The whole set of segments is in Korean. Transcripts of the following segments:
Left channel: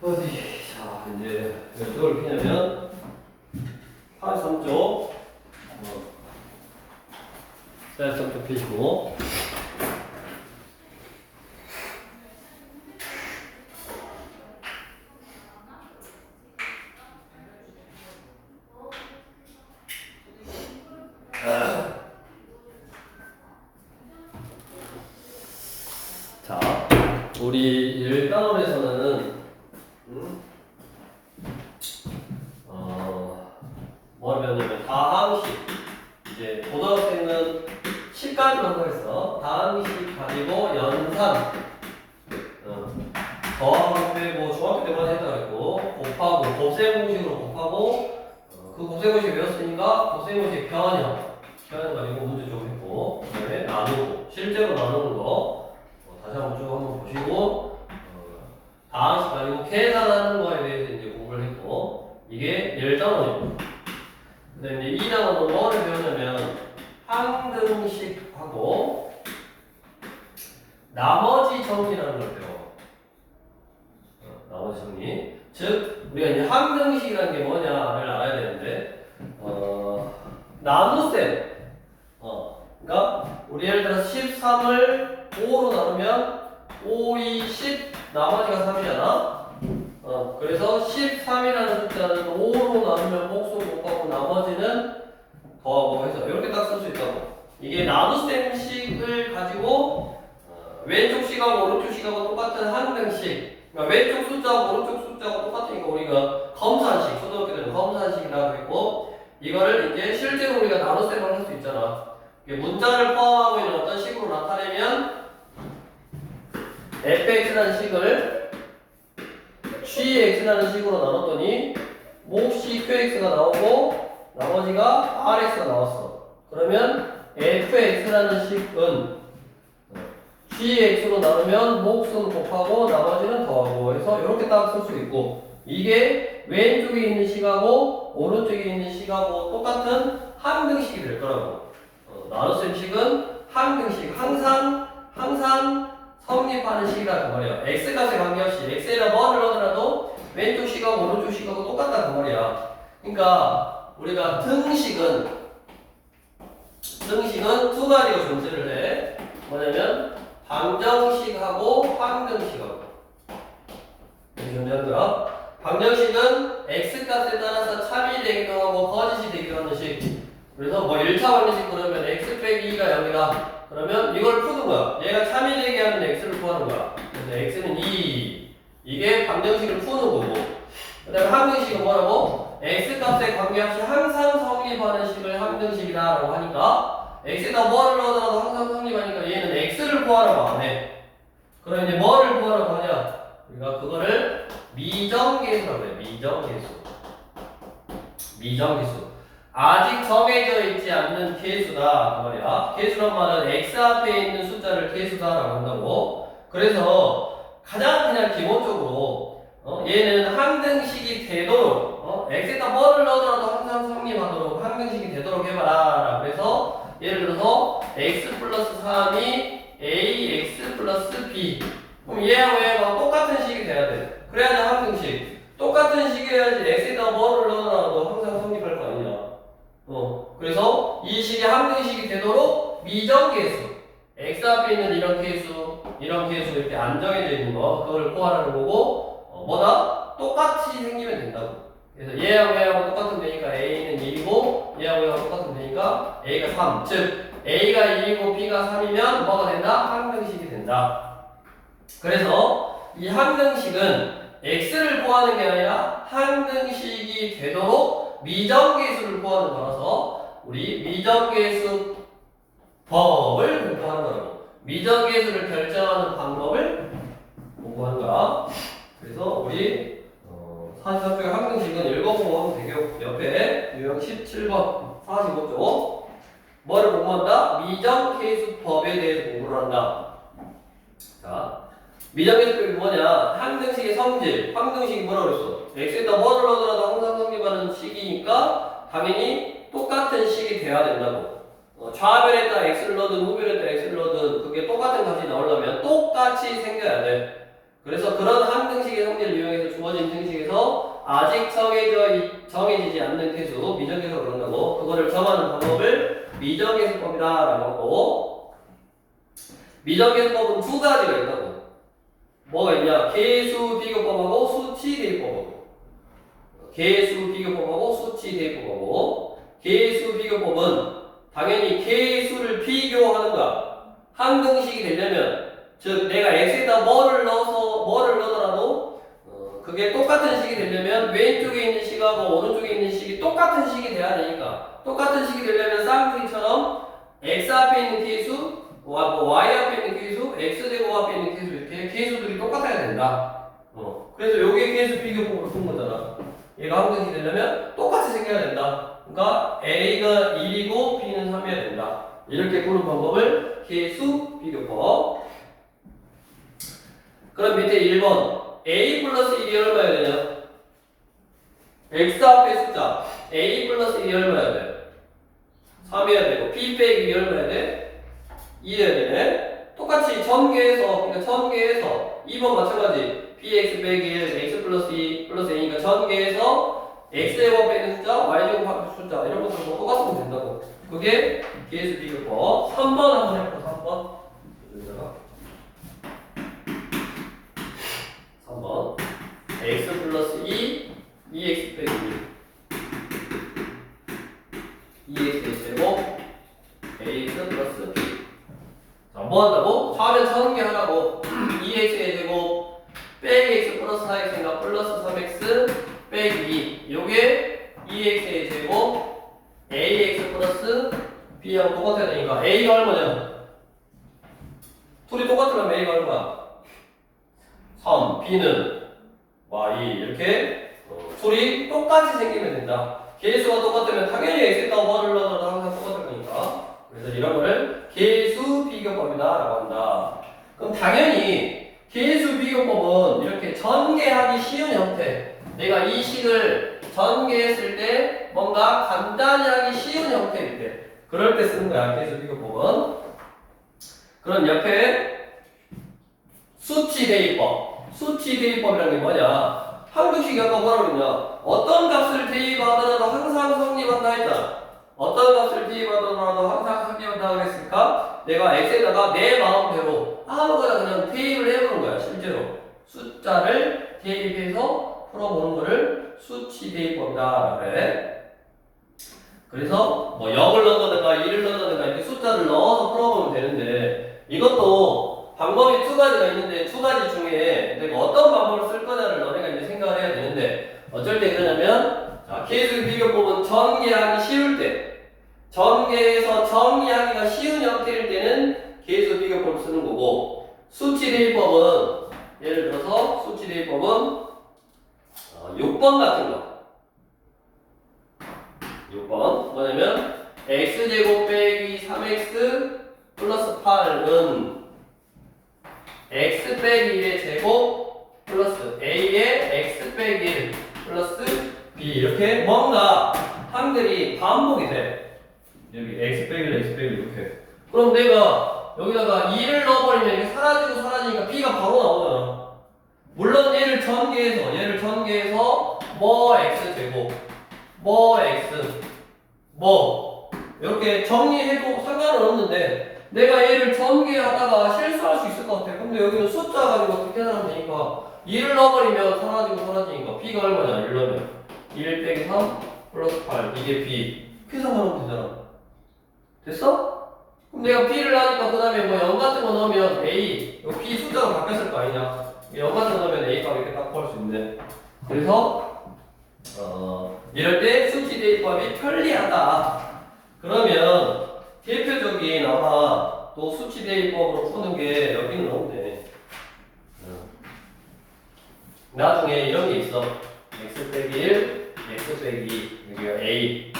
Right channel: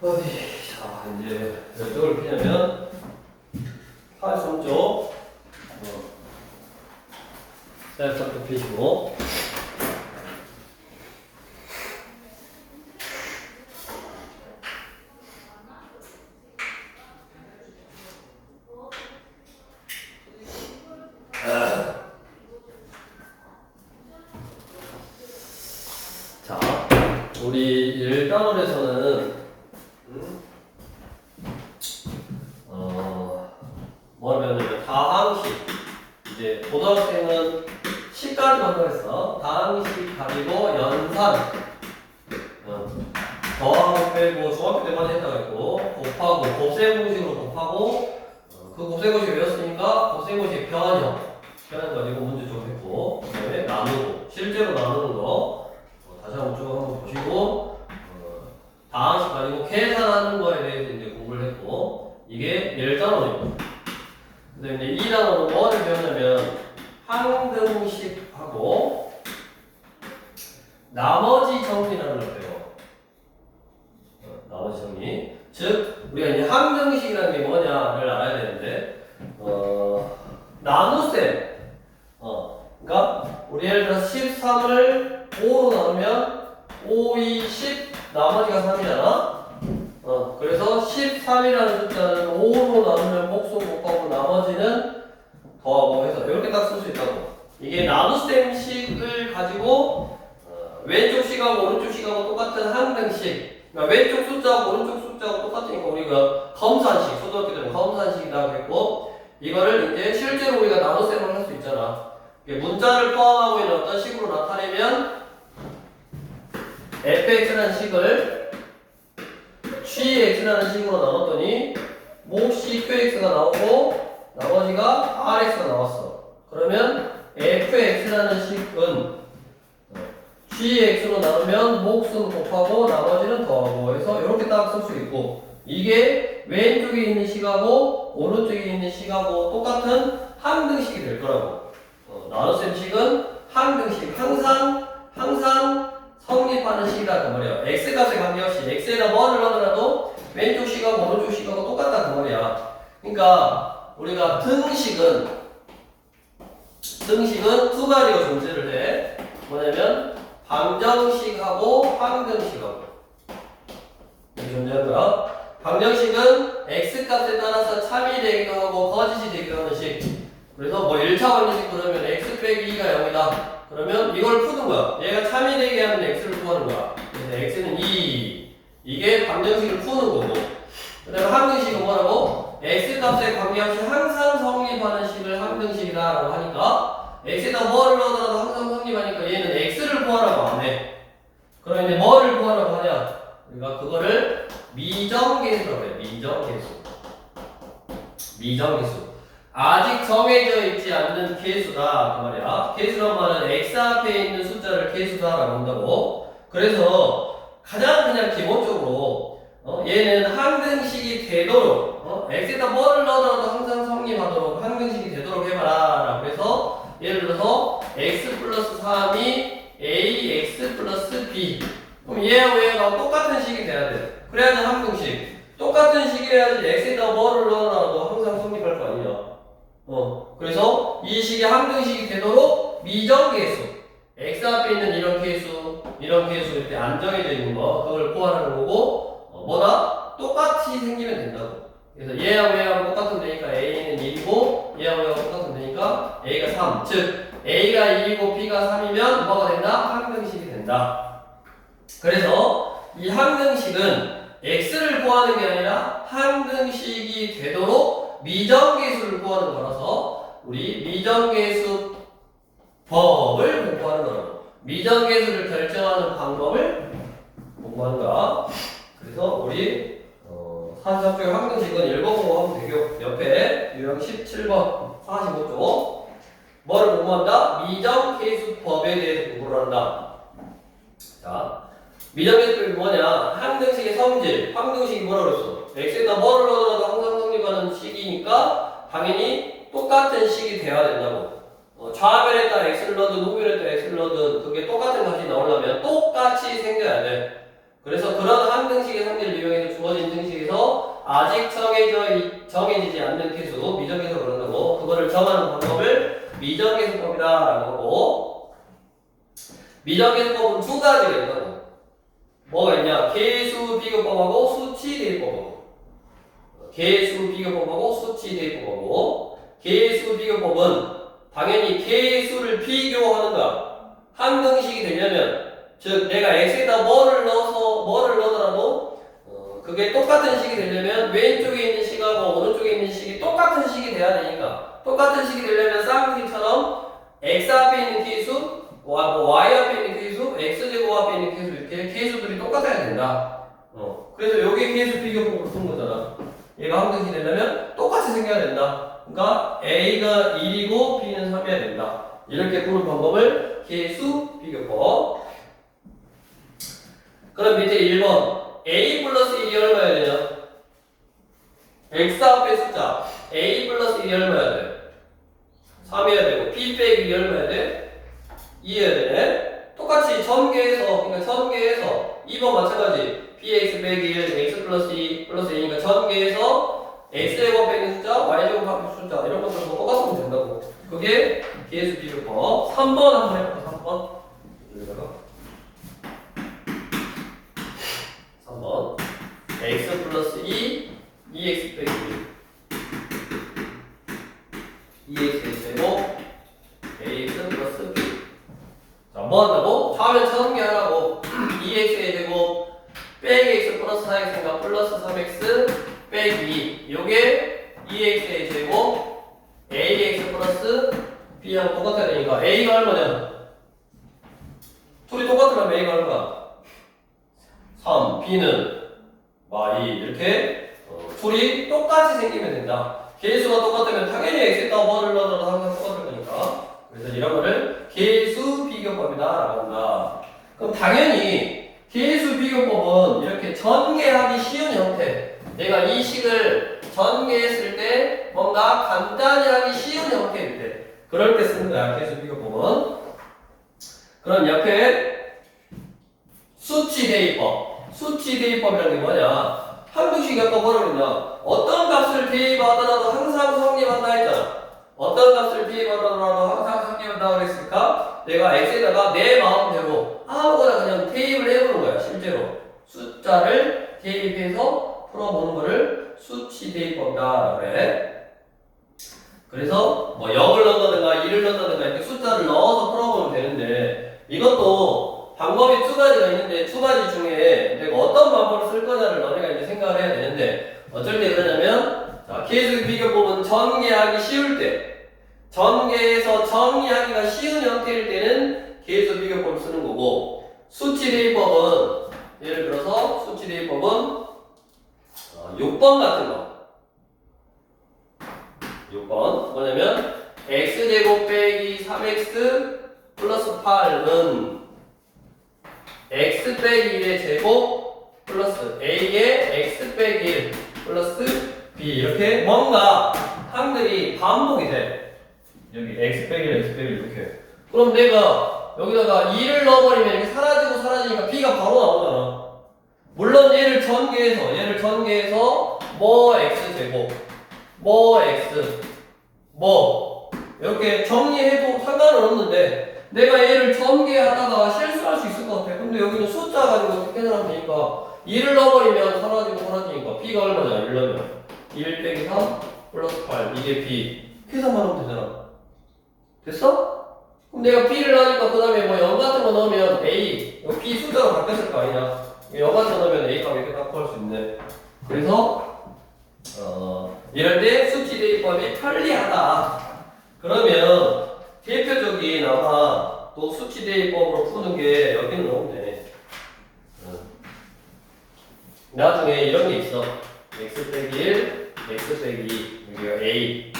어디, 자, 이제 몇쪽을 피냐면, 83쪽, 셀프 피시고, 자, 우리 1단원에서는 뭐라 배웠냐면 다항식, 이제 고등학생은 식까지 만들었어. 다항식 가지고 연산, 더하고 빼고 중학교 때만 했다고 했고, 곱하고 곱셈 공식으로 곱하고, 그 곱셈 공식 외웠으니까 곱셈 공식 변형 가지고 문제 좀 했고, 그다음에 나누고 실제로 나누는 거 다시 한번 쭉 한번 보시고, 다항식 가지고 계산하는 거에 대해서 이제 공부를 했고, 이게 1단원입니다. 근데 이제 2단원은 뭐를 배우냐면 항등식하고 나머지 정리라는 걸 배워. 나머지 정리. 즉 우리가 이제 항등식이라는 게 뭐냐를 알아야 되는데, 나눗셈. 그러니까 우리 예를 들어서 13을 5로 나누면 5, 2, 10 나머지가 3이잖아. 그래서 13이라는 숫자는 5로 나누면 목수 곱하고 나머지는 더하고 해서 이렇게 딱 쓸 수 있다고. 이게 나눗셈식을 가지고 왼쪽 식하고 오른쪽 식하고 똑같은 항등식. 그러니까 왼쪽 숫자하고 오른쪽 숫자하고 똑같으니까 우리가 검산식, 초등학교 때는 검산식이라고 했고, 이거를 이제 실제로 우리가 나눗셈을 할 수 있잖아. 문자를 포함하고 있는 어떤 식으로 나타내면 fx라는 식을 gx라는 식으로 나눴더니 몫이 qx가 나오고 나머지가 rx가 나왔어. 그러면 fx라는 식은 gx로 나누면 몫은 곱하고 나머지는 더하고 해서 이렇게 딱 쓸 수 있고, 이게 왼쪽에 있는 식하고 오른쪽에 있는 식하고 똑같은 항등식이 될 거라고. 나눗셈식은 항등식, 항상 성립하는 식이다 그 말이야. x값에 관계없이 x에다 뭐를 넣더라도 왼쪽 식하고 오른쪽 식하고 똑같다 그 말이야. 그러니까 우리가 등식은 두 가지가 존재를 해. 뭐냐면 방정식하고 항등식하고. 이렇게 존재하는 거야. 방정식은 x값에 따라서 참이 되기도 하고 거짓이 되기도 하는 식. 그래서 뭐 1차 방정식 그러면 x 빼기 2가 0이다. 그러면 이걸 푸는 거야. 얘가 참이 되게 하는 x를 구하는 거야. 그래서 x는 2. 이게 방정식을 푸는 거고. 그 다음에 항등식은 뭐라고? x값에 관계없이 항상 성립하는 식을 항등식이다 라고 하니까, x에다 뭐를 넣어도 항상 성립하니까 얘는 x를 구하라고 안 해. 그럼 이제 뭐를 구하라고 하냐? 우리가 그거를 미정계수라고 해. 미정계수. 아직 정해져 있지 않는 계수다 그 말이야. 계수란 말은 x 앞에 있는 숫자를 계수다라고 한다고. 그래서 가장 그냥 기본적으로 얘는 항등식이 되도록 x에다 뭐를 넣어도 항상 성립하도록 항등식이 되도록 해봐라 라고 해서, 예를 들어서 x 플러스 3이 ax 플러스 b, 그럼 얘하고 얘가 똑같은 식이 돼야 돼. 그래야지 항등식. 똑같은 식이어야지 x에다 뭐를 넣어놔도 항상 성립할 거 아니냐. 그래서 이 식이 항등식이 되도록 미정계수, x 앞에 있는 이런 계수 이렇게 안정해져 있는 거, 그걸 구하라는 거고, 뭐다? 똑같이 생기면 된다고. 그래서 얘하고 똑같으면 되니까 a는 1이고 얘하고 똑같으면 되니까 a가 3. 즉 a가 1이고 b가 3이면 뭐가 된다? 항등식이 된다. 그래서 이 항등식은 x를 구하는 게 아니라 항등식이 되도록 미정계수를 구하는 거라서 우리 미정계수 법을 공부하는 거라고. 미정계수를 결정하는 방법을 공부하는 거야. 그래서 우리 43쪽의 항등식은 읽어보고 하면 되고, 옆에 유형 17번 45쪽 뭐를 공부한다? 미정계수법에 대해서 공부를 한다. 자, 미정계수법이 뭐냐? 항등식의 성질. 항등식이 뭐라고 그랬어? x에다 뭐를 넣어도 항상 성립하는 식이니까 당연히 똑같은 식이 돼야 된다고. 좌변에다 x를 넣든 우변에다 x를 넣든 그게 똑같은 값이 나오려면 똑같이 생겨야 돼. 그래서 그런 항등식의 성질을 이용해서 주어진 등식에서 아직 정해지지 않는 계수, 미정계수로 그런다고 그거를 정하는 방법을 미정계수법이라고 하고 미정계수법은 두 가지가 있다고. 뭐가 있냐? 계수 비교법하고 수치 대입법하고 계수 비교법하고 수치 대입법하고 계수 비교법은 당연히 계수를 비교하는가 항등식이 되려면 즉 내가 x에다 뭐를 넣더라도 그게 똑같은 식이 되려면 왼쪽에 있는 식하고 오른쪽에 있는 식이 똑같은 식이 돼야 되니까 똑같은 식이 되려면 쌍둥이처럼 x 앞에 있는 계수 y 앞에 있는 계수 x제곱 앞에 있는 계수 이렇게 계수들이 똑같아야 된다. 그래서 요게 계수 비교법으로 푼 거잖아. 얘가 항등식이 되려면 똑같이 생겨야 된다. 그러니까 a가 1이고 b는 3이어야 된다. 이렇게 푸는 방법을 계수 비교법. 그럼 밑에 1번 a 플러스 1이 얼마야 되냐? x 앞에 숫자 a 플러스 1이 얼마야 돼? 3이어야 되고 b 빼기 2 얼마야 돼? 2여야 되네. 똑같이 전개해서 그러니까 전개해서 2번 마찬가지 bx 빼기 1 x 플러스 2 플러스 a니까 전개해서 x제곱 빼기 숫자 y제곱 합의 숫자 이런 것들 뭐 똑같으면 된다고. 그게 계수 비교법. 3번 한번 해볼까? 3번 여기다가 3번 x 플러스 2 2x 빼기 1 2x 제곱 ax 플러스 b. 자, 뭐 한다고? 화면 전개하라고 2x의 제곱 빼기 x 플러스 4x인가 플러스 3x 빼기 2 요게 2x의 제곱 ax 플러스 b하고 똑같아야 되니까 a가 얼마냐? 둘이 똑같으면 a가 얼마? 3, b는 y 이렇게 둘이 똑같이 생기면 된다. 계수가 똑같으면 당연히 x에다 뭐를 넣어도 항상 똑같을 거니까. 그래서 이런 거를 계수 비교법이다라고 한다. 그럼 당연히 계수 비교법은 이렇게 전개하기 쉬운 형태. 내가 이 식을 전개했을 때 뭔가 간단히 하기 쉬운 형태일 때 그럴 때 쓰는 거야. 계수 비교법은. 그럼 옆에 수치 대입법. 수치 대입법이라는 게 뭐냐? 항등식이 아까 뭐라고 그랬냐? 어떤 값을 대입하더라도 항상 성립한다 했잖아. 어떤 값을 대입하더라도 항상 성립한다 그랬으니까 내가 x에다가 내 마음대로 아무거나 그냥 대입을 해보는 거야. 실제로 숫자를 대입해서 풀어보는 거를 수치 대입법이다 그래. 그래서 뭐 0을 넣는다든가 1을 넣는다든가 이렇게 숫자를 넣어서 풀어보면 되는데 이것도 방법이 두 가지가 있는데 두 가지 중에 내가 어떤 방법을 쓸 거냐를 너네가 이제 생각을 해야 되는데 어쩔 때 그러냐면 자, 계수 비교법은 전개하기 쉬울 때 전개해서 정리하기가 쉬운 형태일 때는 계수 비교법을 쓰는 거고 수치 대입법은 예를 들어서 수치 대입법은 6번 같은 거 6번 뭐냐면 x제곱 빼기 3x 플러스 8은 x 빼기 1의 제곱 플러스 a의 x 빼기 1 플러스 b 이렇게 뭔가 항들이 반복이 돼. 여기 x 빼기 1 x 빼기 1 이렇게. 그럼 내가 여기다가 2를 넣어버리면 이렇게 사라지고 사라지니까 b가 바로 나오잖아. 물론 얘를 전개해서 뭐 x 제곱 뭐 x 뭐 이렇게 정리해도 상관은 없는데 내가 얘를 전개하다가 실수할 수 있을 것 같아. 근데 여기는 숫자 가지고 어떻게 계산하면 되니까 2를 넣어버리면 사라지니까 b가 얼마냐? 1 넣으면 1 빼기 3 플러스 8 이게 b 계산만 하면 되잖아. 됐어? 그럼 내가 b를 하니까 그 다음에 뭐 0 같은 거 넣으면 a b 숫자가 바뀌었을 거 아니냐? 0 같은 거 넣으면 a 값 이렇게 딱 구할 수 있네. 그래서 이럴 때 수치 대입법이 편리하다. 그러면 대표적인 아마 또 수치 대입법으로 푸는 게 여기는 없네. 나중에 이런 게 있어. x 빼기 1, x 빼기 2, 여기가 a,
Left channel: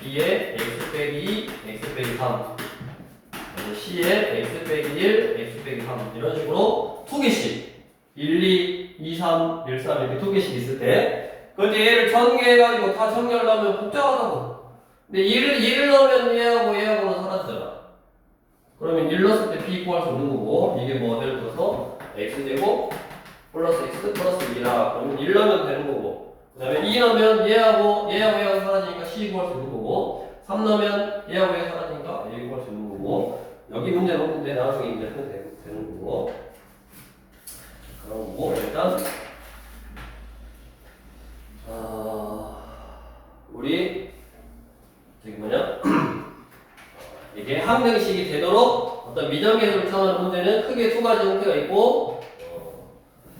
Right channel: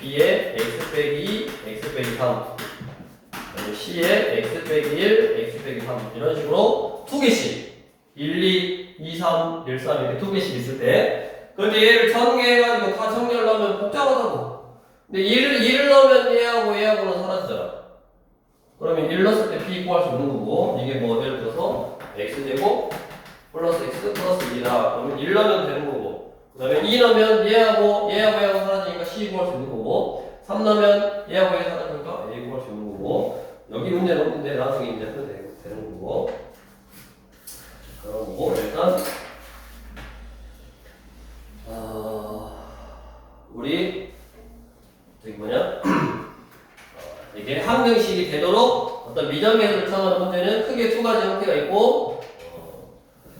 b에 x 빼기 2, x 빼기 3, c에 x 빼기 1, x 빼기 3 이런 식으로 두 개씩 1, 2, 2, 3, 1, 3 이렇게 두 개씩 있을 때 근데 얘를 전개해가지고 다 정리하려면 복잡하다고. 근데 1을 넣으면 얘하고는 사라지잖아. 그러면 1 넣었을 때 b 구할 수 없는 거고 이게 뭐 예를 들어서 x제곱 플러스 x 플러스 2라. 그러면 1 넣으면 되는 거고. 그 다음에 2 넣으면 얘하고 사라지니까 c 구할 수 있는 거고. 3 넣으면 얘하고 얘 사라지니까 a 구할 수 있는 거고. 여기 문제는 없는데 나중에 이제 하면 되는 거고. 그런 거고. 일단 우리 저기 뭐냐 이게 항등식이 되도록 어떤 미정계수를 처음하는 문제는 크게 두 가지 형태가 있고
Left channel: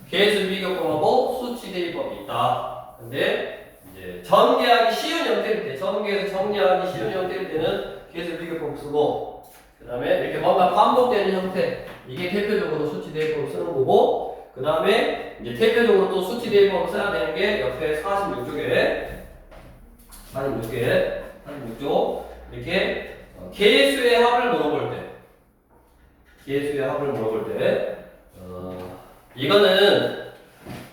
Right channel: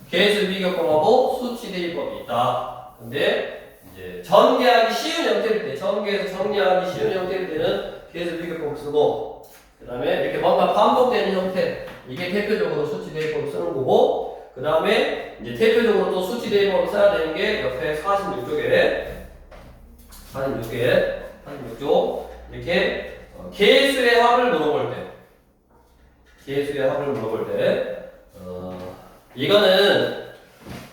계수 비교법하고 수치 대입법이 있다. 근데 이제 전개하기 쉬운 형태일 때, 전개에서 정리하기 쉬운 형태일 때는 계수 비교법 쓰고, 그 다음에 이렇게 뭔가 반복되는 형태, 이게 대표적으로 수치 대입법을 쓰는 거고, 그 다음에 이제 대표적으로 또 수치 대입법을 써야 되는 게 옆에 46쪽 이렇게 계수의 합을 물어볼 때, 이거는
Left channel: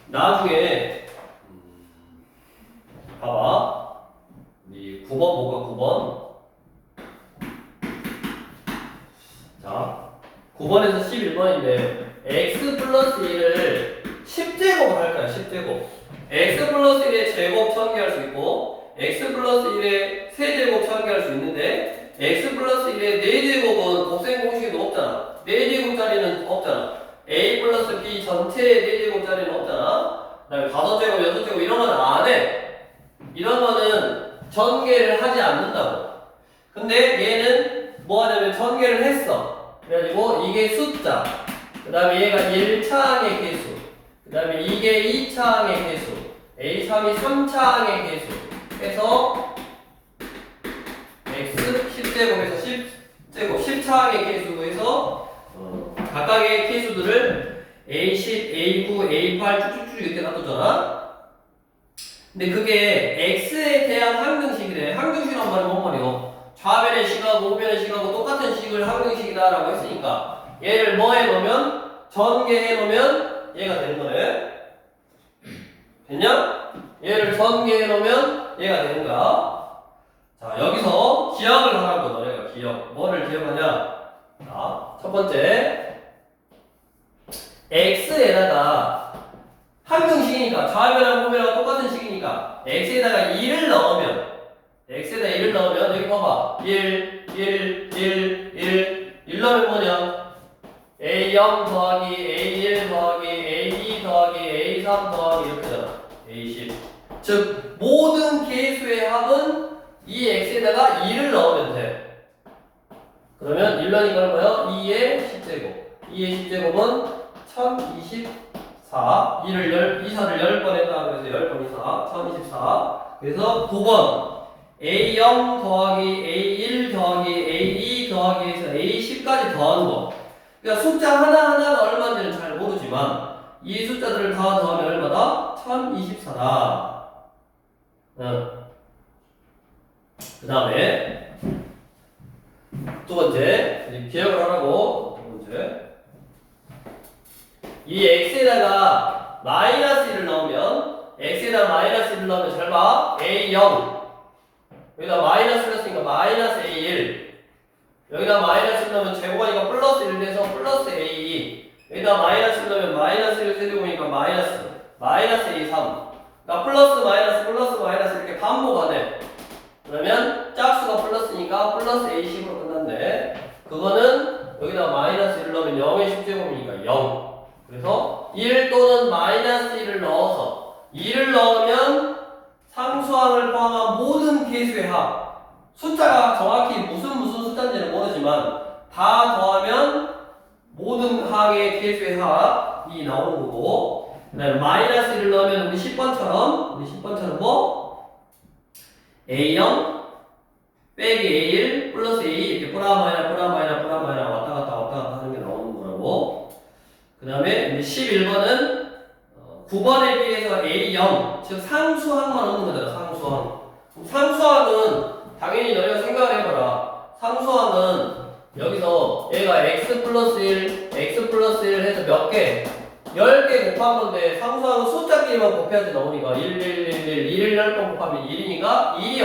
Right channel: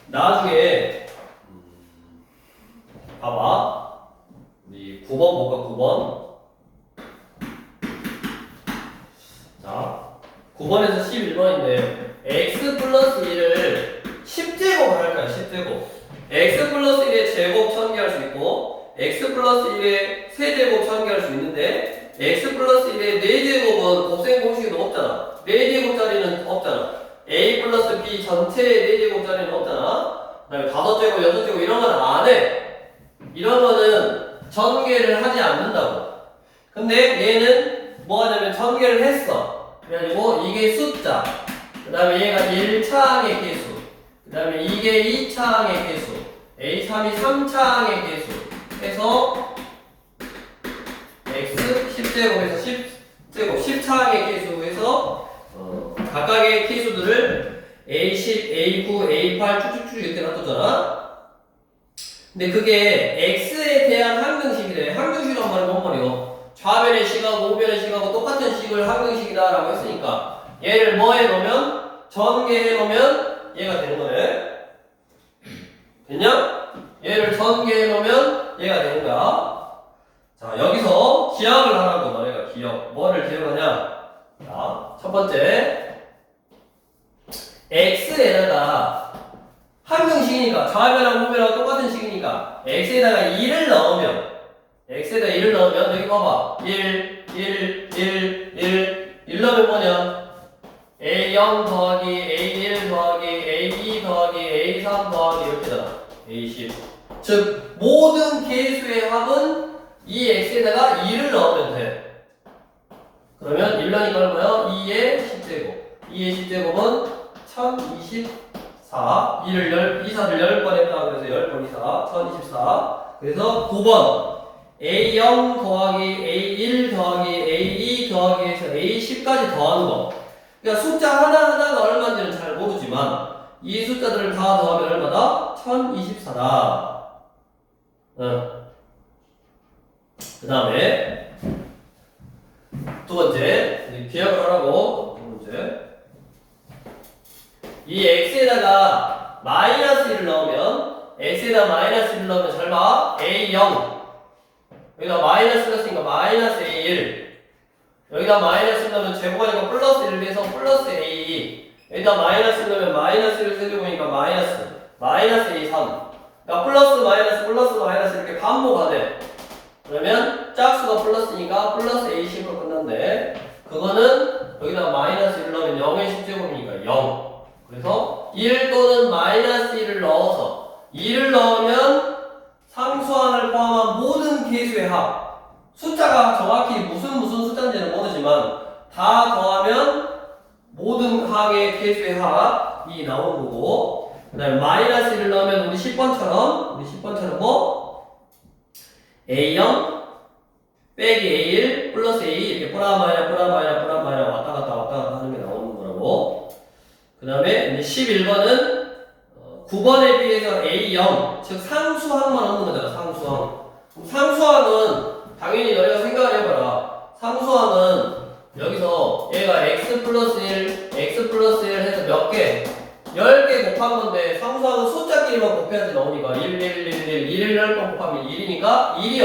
나중에 봐봐. 우리 9번 볼까? 9번. 자, 9번에서 11번인데 x 플러스 1을 10제곱을 할 거야. 10제곱. x 플러스 1의 제곱 전개할 수 있고 x 플러스 1의 세제곱 전개할 수 있는데 x 플러스 1의 4제곱은 곱셈 공식에도 없잖아. 4제곱짜리는 없잖아. a 플러스 b 전체의 4제곱짜리는 없잖아. 그 다음에 5제곱, 6제곱 이런 건 안 해. 이런 거는 전개를 하지 않는다고. 근데 얘는 뭐 하냐면 전개를 했어. 그래가지고 이게 숫자, 그 다음에 얘가 1차항의 개수, 그 다음에 이게 2차항의 개수, a3이 3차항의 개수 해서 x 10제곱에서 10제곱 10차항의 개수에서 각각의 개수들을 A10, A9, A8 쭉쭉쭉 이렇게 놔뒀잖아. 근데 그게 x에 대한 항등식이래. 항등식이란 말은 뭔 말이요? 좌변의 식하고 우변의 식하고 똑같은 식을 항등식이다 라고 했으니까 얘를 뭐 해놓으면 전개해 놓으면 얘가 되는 거네. 됐냐? 얘를 전개해 놓으면 얘가 되는 거야. 자, 여기서 기억을 하라고. 너네가 기억. 뭐를 기억하냐? 자, 첫 번째 x에다가 항등식이니까 좌변하고 우변하고 똑같은 식이니까 x에다가 2를 넣으면 여기 봐봐. 1 넣으면 뭐냐? A0 더하기 A1 더하기 A2 더하기 A3 더하기 이렇게잖아. A10. 즉 모든 계수의 합은 이 x에다가 2를 넣으면 돼. 그러면 1 넣으니까 얼마야? 2의 10제곱. 2의 10제곱은 1024. 2사를 10번 했다. 그래서 10번 이사. 1024. 그래서 9번. A0 더하기 A1 더하기 A2 더하기 해서 A10까지 더하는 거. 그러니까 숫자 하나하나가 얼마인지는 잘 모르지만 이 숫자들을 다 더하면 얼마다? 1024다. 그 다음에 두 번째 기억을 하라고. 두 번째 이 x에다가 마이너스 1을 넣으면 잘 봐. A0 여기다 마이너스를 했으니까 마이너스 A1 여기다 마이너스를 넣으면 제곱하니까 플러스 1 돼서 플러스 A2 여기다 마이너스를 넣으면 마이너스 1 세제곱이니까 마이너스 A3 그러니까 플러스 마이너스 이렇게 반복하네. 그러면 짝수가 플러스니까 플러스 A10으로 끝난대. 그거는 여기다 마이너스 1을 넣으면 0의 10제곱이니까 0. 그래서 1 또는 마이너스 1을 넣어서 2를 넣으면 상수항을 포함한 모든 계수의 합. 숫자가 정확히 무슨 숫자인지는 모르지만 다 더하면 모든 항의 계수의 합이 나오는 거고, 그 다음에 마이너스 1을 넣으면 우리 10번처럼 뭐? A0 빼기 A1 플러스 A 이렇게 플라마이나 왔다 갔다 하는 게 나오는 거라고. 그 다음에 11번은 9번에 비해서 A0 즉 상수항만 없는 거잖아. 상수항은 당연히 너희가 생각을 해봐라. 상수항은 여기서 얘가 x 플러스 1 해서 몇 개? 10개 곱한 건데 상수항은 숫자끼리만 곱해야지 나오니까 1 10번 곱하면 1이니까 1이요.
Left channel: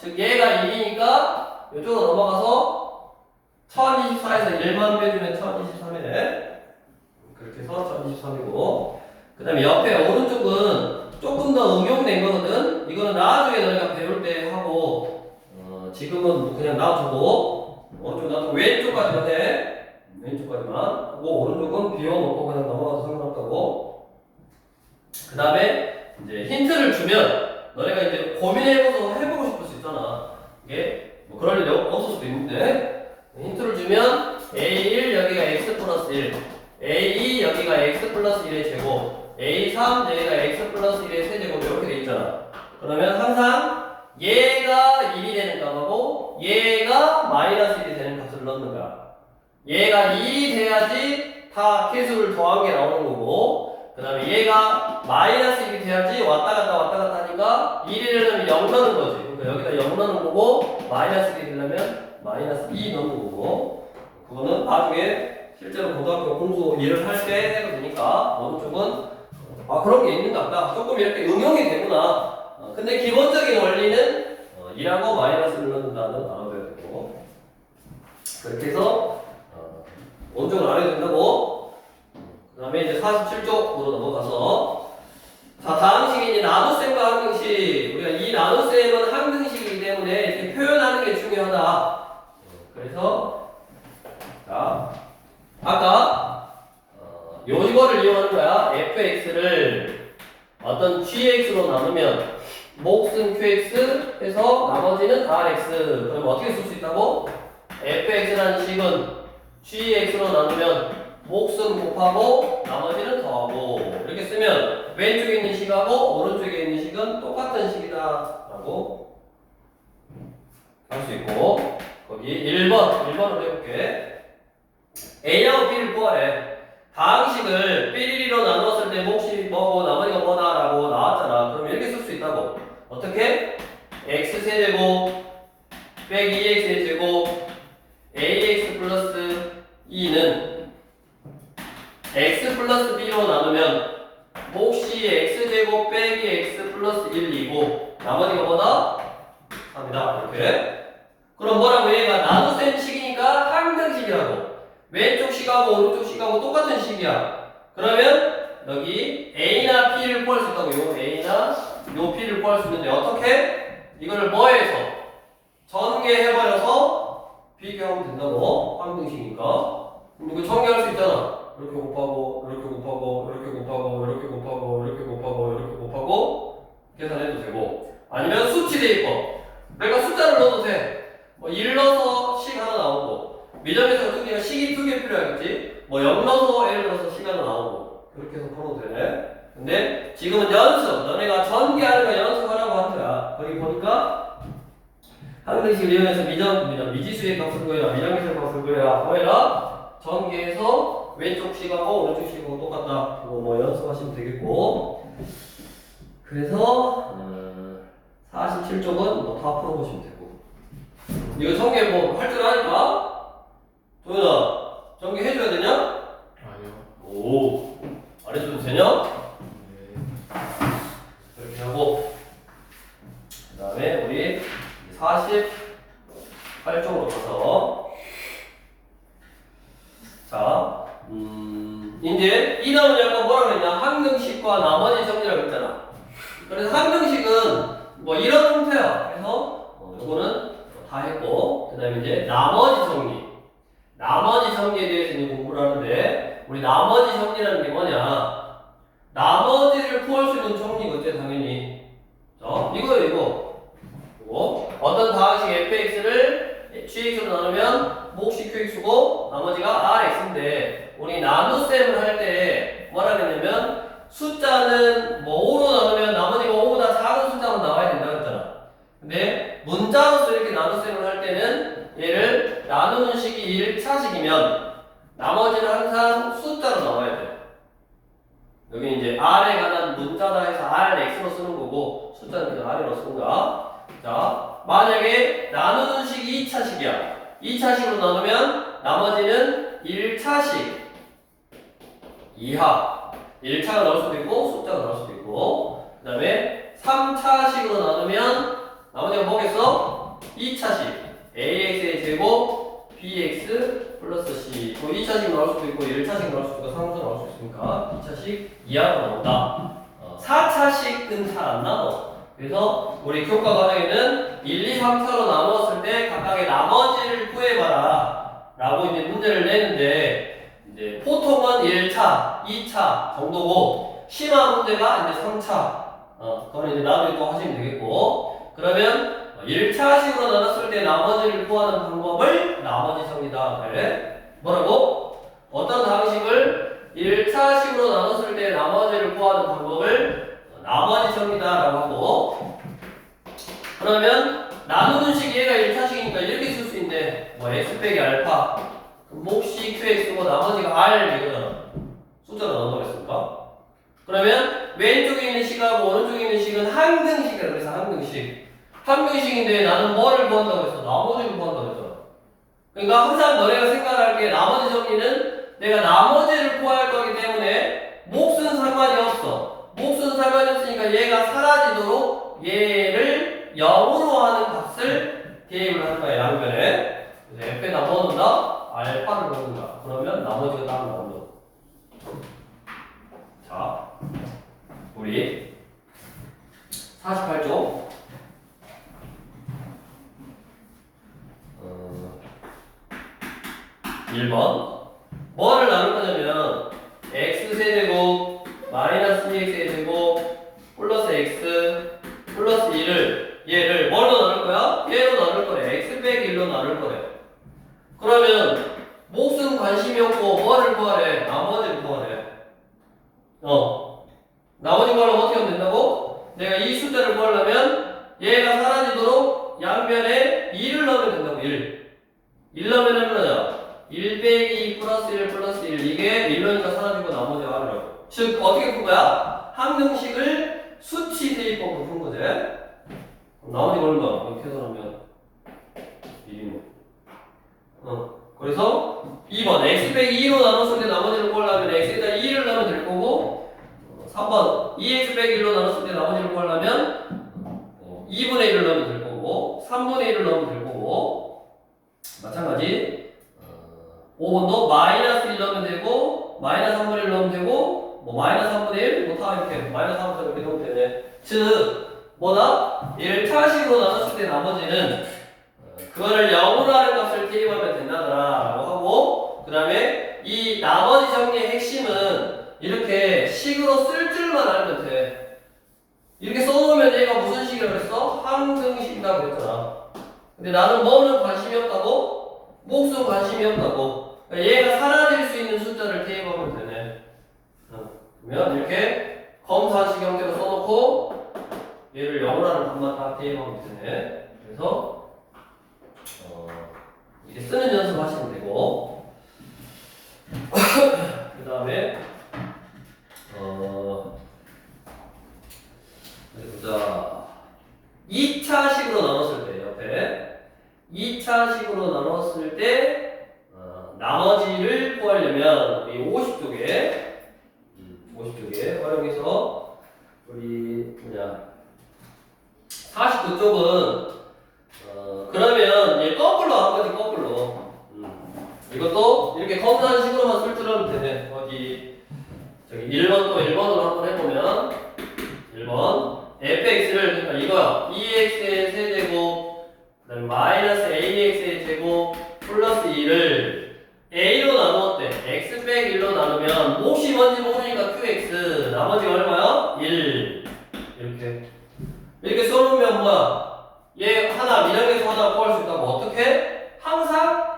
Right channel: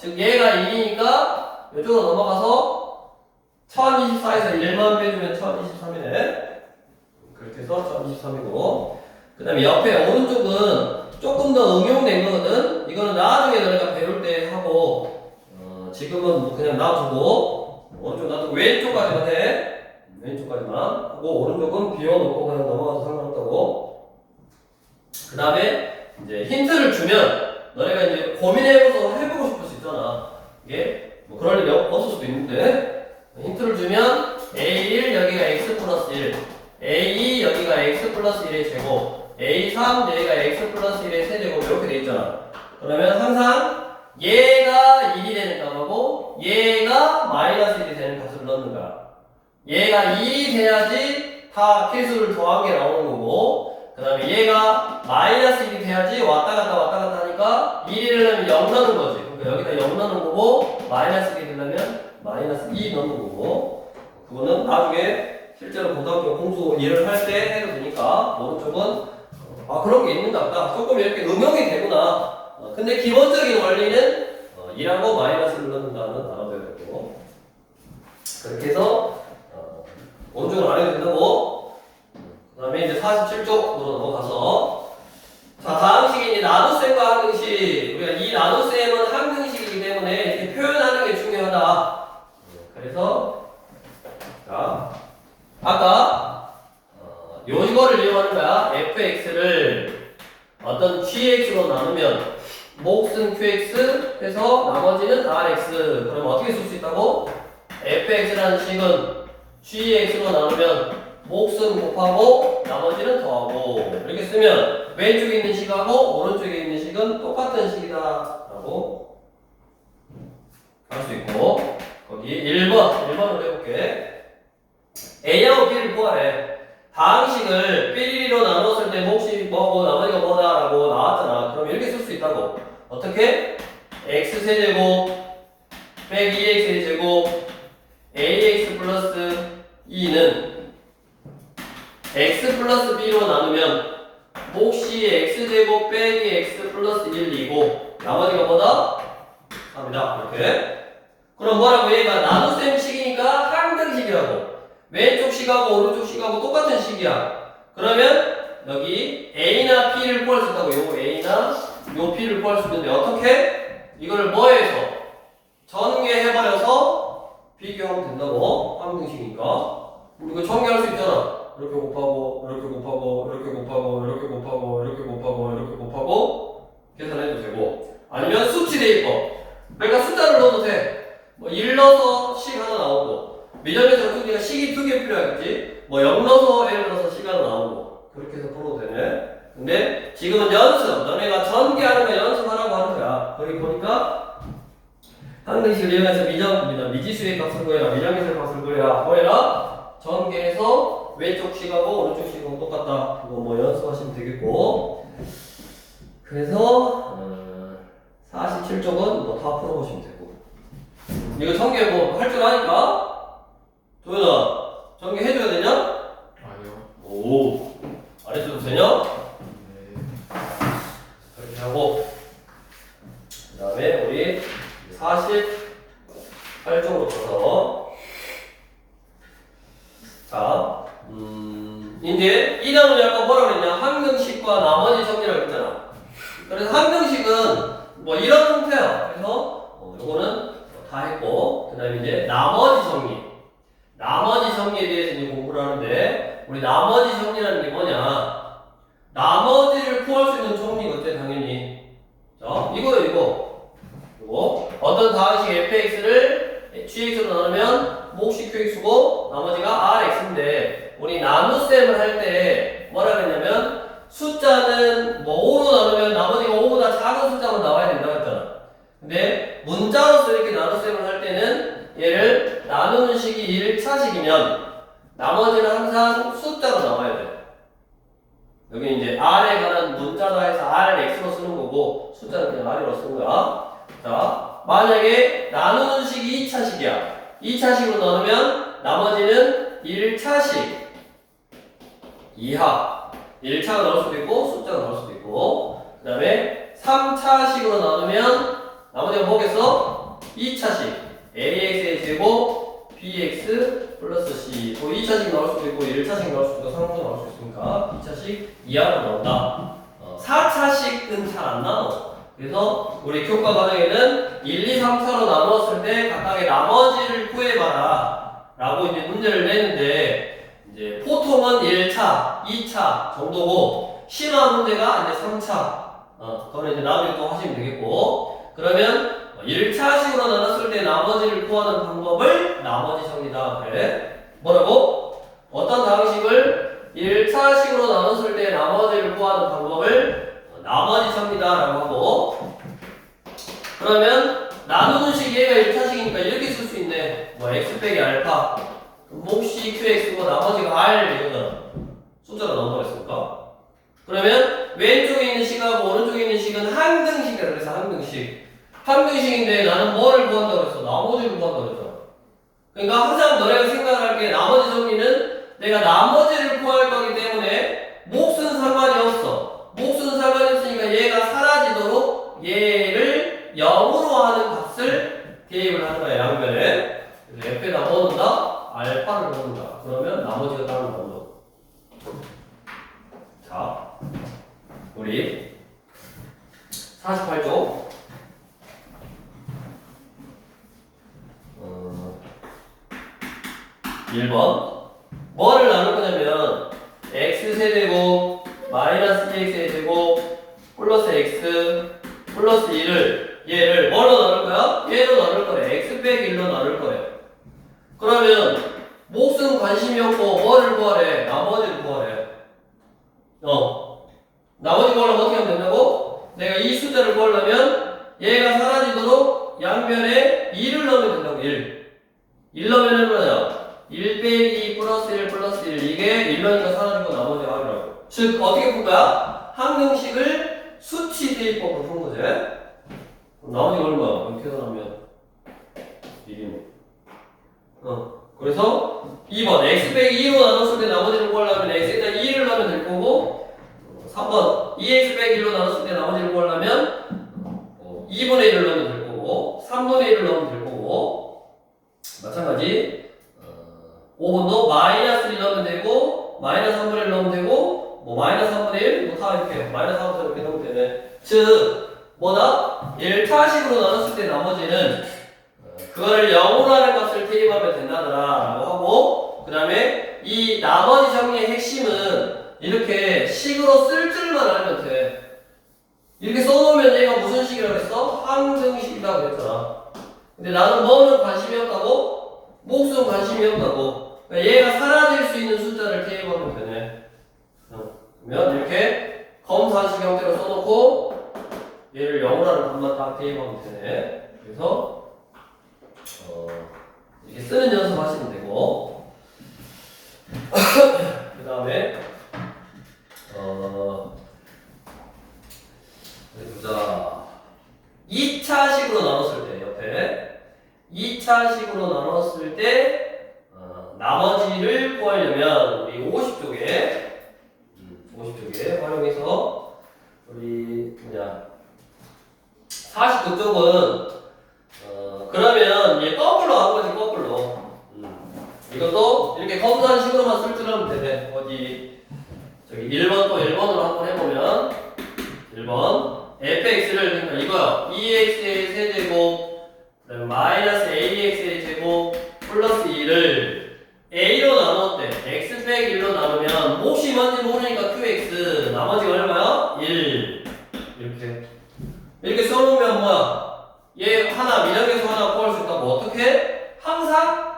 즉 얘가 1이니까 이쪽으로 넘어가서 1024에서 1만 빼주면 1023이네. 그렇게 해서 1023이고, 그 다음에 옆에 오른쪽은 조금 더 응용된 거거든. 이거는 나중에 너희가 배울 때 하고 지금은 그냥 놔두고 오른쪽 놔두고 왼쪽까지만 해. 왼쪽까지만 하고 오른쪽은 비워놓고 그냥 넘어가도 상관없다고. 그 다음에 이제 힌트를 주면 너네가 이제 고민해보고 해보고 싶을 수 있잖아. 이게 뭐 그럴 일이 없을 수도 있는데 힌트를 주면 A1 여기가 x 플러스 1 A2 여기가 x 플러스 1의 제곱 A3 여기가 x 플러스 1의 세제곱 이렇게 돼 있잖아. 그러면 항상 얘가 1이 되는 값하고 얘가 마이너스 1이 되는 값을 넣는 거야. 얘가 2이 돼야지 다 개수를 더한 게 나오는 거고 그 다음에 얘가 마이너스 1이 돼야지 왔다 갔다 하니까 1이 되려면 0 넣는 거지. 그러니까 여기다 0 넣는 거고 마이너스 1이 되려면 마이너스 2 넣는 거고 그거는 나중에 실제로 고등학교 공부 일을 할 때 해도 되니까 오른쪽은 그런 게 있는가 보다. 조금 이렇게 응용이 되구나. 근데 기본적인 원리는 2하고 마이너스를 넣는다는 단어가 되고 그렇게 해서 원종을 안 해도 된다고. 그 다음에 이제 47쪽으로 넘어가서 자 다음 식이 이제 나눗셈과 항등식. 우리가 이 나눗셈은 항등식이기 때문에 이렇게 표현하는 게 중요하다. 그래서 자 아까 요거를 이용하는 거야. fx를 어떤 gx로 나누면 몫은 qx 해서 나머지는 rx. 그럼 어떻게 쓸 수 있다고? fx라는 식은 gx로 나누면 몫은 곱하고 나머지는 더하고 이렇게 쓰면 왼쪽에 있는 식하고 오른쪽에 있는 식은 똑같은 식이다 라고 할 수 있고 거기 1번으로 해볼게. A하고 B를 구하래. 다항식을 삐리리로 나눴을 때 몫이 뭐고 나머지가 뭐다 라고 나왔잖아. 그럼 이렇게 쓸 수 있다고. 어떻게? x세제곱 빼기 2x의 제곱 ax 플러스 2는 x 플러스 b로 나누면 몫이 x제곱 빼기 x 플러스 1이고 나머지가 뭐다? 3이다. 이렇게. 그럼 뭐라고? 얘가 나눗셈 식이니까 항등식이라고. 왼쪽 식하고 오른쪽 식하고 똑같은 식이야. 그러면 여기 A나 B를 구할 수 있다고. 요 A나 요 B를 구할 수 있는데 어떻게? 이걸 뭐해서? 전개해버려서 비교하면 된다고. 항등식이니까. 이거 전개할 수 있잖아. 이렇게 곱하고 이렇게 곱하고 이렇게 곱하고 이렇게 곱하고 이렇게 곱하고 이렇게 곱하고 계산해도 되고 아니면 수치 대입법. 그러니까 숫자를 넣어도 돼. 뭐 1 넣어서 식 하나 나오고 미점에서 두개가 식이 2개 필요하겠지? 뭐 0 넣어서 예를 들어서 식 하나 나오고 그렇게 해서 풀어도 되네. 근데 지금은 연습, 너네가 전개하는 거 연습하라고 하는 거야. 여기 보니까 항등식을 이용해서 미지수의 값을 구해라, 미정계수의 값을 구해라, 뭐해라? 전개해서 왼쪽 식하고 오른쪽 식하고 똑같다. 이거 뭐 연습하시면 되겠고 그래서 47쪽은 뭐 다 풀어보시면 되고 이거 전개 뭐 할 줄 아니까? 도현아, 전개 해줘야 되냐? 아니요. 오, 안 해줘도 되냐? 네. 이렇게 하고 그 다음에 우리 48쪽으로 가서 자, 이제 이 단어는 약간 뭐라 그랬냐? 항등식과 나머지 정리라고 했잖아. 그래서 항등식은 뭐 이런 형태야. 그래서 요거는 다 했고 그 다음에 이제 나머지 정리. 나머지 정리에 대해서 이제 공부를 하는데 우리 나머지 정리라는 게 뭐냐? 나머지를 구할 수 있는 정리가 어때? 당연히 자 이거예요. 이거 어떤 다항식 fx를 gx로 나누면 몫이 qx고 나머지가 rx인데 우리 나눗셈을 할 때 뭐라 그랬냐면 숫자는 뭐 5로 나누면 나머지가 5보다 작은 숫자만 나와야 된다고 했잖아. 근데 문자로서 이렇게 나눗셈을 할 때는 얘를 나누는 식이 1차식이면 나머지는 항상 숫자로 나와야 돼. 여기 이제 r에 관한 문자다 해서 rx로 쓰는 거고 숫자는 그냥 r로 쓰는 거야. 자, 만약에 나누는 식이 2차식이야. 2차식으로 나누면 나머지는 1차식 이하 1차가 나올 수도 있고 숫자가 나올 수도 있고 그 다음에 3차식으로 나누면 나머지가 뭐겠어? 2차식 ax의 제곱 bx 플러스 c 뭐 2차식 나올 수도 있고 1차식 나올 수도 있고 3차식 나올 수 있으니까 2차식 이하로 나온다. 4차식은 잘 안 나눠. 그래서 우리 교과 과정에는 1, 2, 3차로 나누었을 때 각각의 나머지를 구해봐라 라고 이제 문제를 내는데, 이제 보통은 1차, 2차 정도고 심화 문제가 이제 3차. 그거는 이제 나중에 또 하시면 되겠고, 그러면 1차식으로 나눴을 때 나머지를 구하는 방법을 나머지성이다. 그래? 뭐라고? 어떤 방식을 1차식으로 나눴을 때 나머지를 구하는 방법을 나머지성이다 라고 하고, 그러면 나누는 식 얘가 1차식이니까 이렇게 쓸 수 있네. 뭐 x 빼기 알파 몫이 qx고 나머지가 r 이거잖아. 숫자가 넘어갔으니까. 그러면 왼쪽에 있는 식하고 오른쪽에 있는 식은 항등식이야. 그래서 항등식. 항등식인데 나는 뭐를 구한다고 그랬어? 나머지를 구한다고 그랬잖아. 그러니까 항상 너네가 생각할 게 나머지 정리는 내가 나머지를 구할 거기 때문에 몫은 상관이 없어. 몫은 상관이 없으니까 얘가 사라지도록 얘를 0으로 하는 값을 대입을 하는 거야. 양변에. 그래서 f에다 뭐 넣는다? 알파를 넣는 거야. 그러면 나머지가 따로 나온다. 자, 우리 48쪽 1번 뭐를 나눌 거냐면 x세제곱 마이너스 2x세제곱 플러스 x 플러스 2를 얘를 뭘로 나눌 거야? 얘로 나눌 거래. x 빼기 1로 나눌 거래. 그러면 몫은 관심이 없고 뭐를 구하래? 나머지를 구하래. 나머지 구하려면 어떻게 하면 된다고? 내가 이 숫자를 구하려면 얘가 사라지도록 양변에 2를 넣으면 된다고. 1 넣으면 뭐냐? 1 빼기 2 플러스 1 플러스 1 이게 1 넣으니까 사라지고 나머지가 아니라고. 즉 어떻게 푼 거야? 항등식을 수치 대입법으로 푼 거지. 나머지가 얼마? 이렇게 계산하면 1이네. 그래서 2번 x 빼기 2로 나눴을 때 나머지를 구하려면 x에다 2를 넣으면 될 거고, 3번 2x 빼기 1로 나눴을 때 나머지를 구하려면 2분의 1을 넣으면 될 거고, 3분의 1을 넣으면 될 거고, 마찬가지 5번도 마이너스 1 넣으면 되고, 마이너스 3분의 1 넣으면 되고, 뭐 마이너스 3분의 1, 뭐 다 이렇게 마이너스 3분의 1 이렇게 넣으면 되네. 즉 뭐다? 1차식으로 나눴을 때 나머지는 그거를 0으로 하는 값을 대입하면 된다더라 라고 하고, 그 다음에 이 나머지 정리의 핵심은 이렇게 식으로 쓸 줄만 알면 돼. 이렇게 써놓으면 얘가 무슨 식이라고 그랬어? 항등식이라고 그랬잖아. 근데 나는 뭐는 관심이 없다고? 몫은 관심이 없다고. 그러니까 얘가 사라질 수 있는 숫자를 대입하면 되네. 그러면 이렇게 검사식 형태로 써놓고 얘를 0으로 하는 값만 딱 대입하면 되네. 그래서 이렇게 쓰는 연습 하시면 되고, 그 다음에 보자. 2차식으로 나눴을 때 옆에 2차식으로 나눴을 때 나머지를 구하려면 우리 50쪽에 50쪽에 활용해서 우리 그냥 49쪽은 그러면 얘 거꾸로 한 거지. 거꾸로. 이것도 이렇게 검사식으로만 쓸 줄 알면 되네. 어디 저기 1번 또 1번으로 한번 해보면 1번 fx를 그러니까 이거야. 2x의 세제곱 그다음에 마이너스 ax의 제곱 플러스 2를 a로 나누었대. x 빼기 1로 나누면 몫이 뭔지 모르니까 qx 나머지가 얼마야? 1 이렇게 써놓으면 뭐야? 얘 하나 미정에서 하나 구할 수 있다고. 어떻게? 항상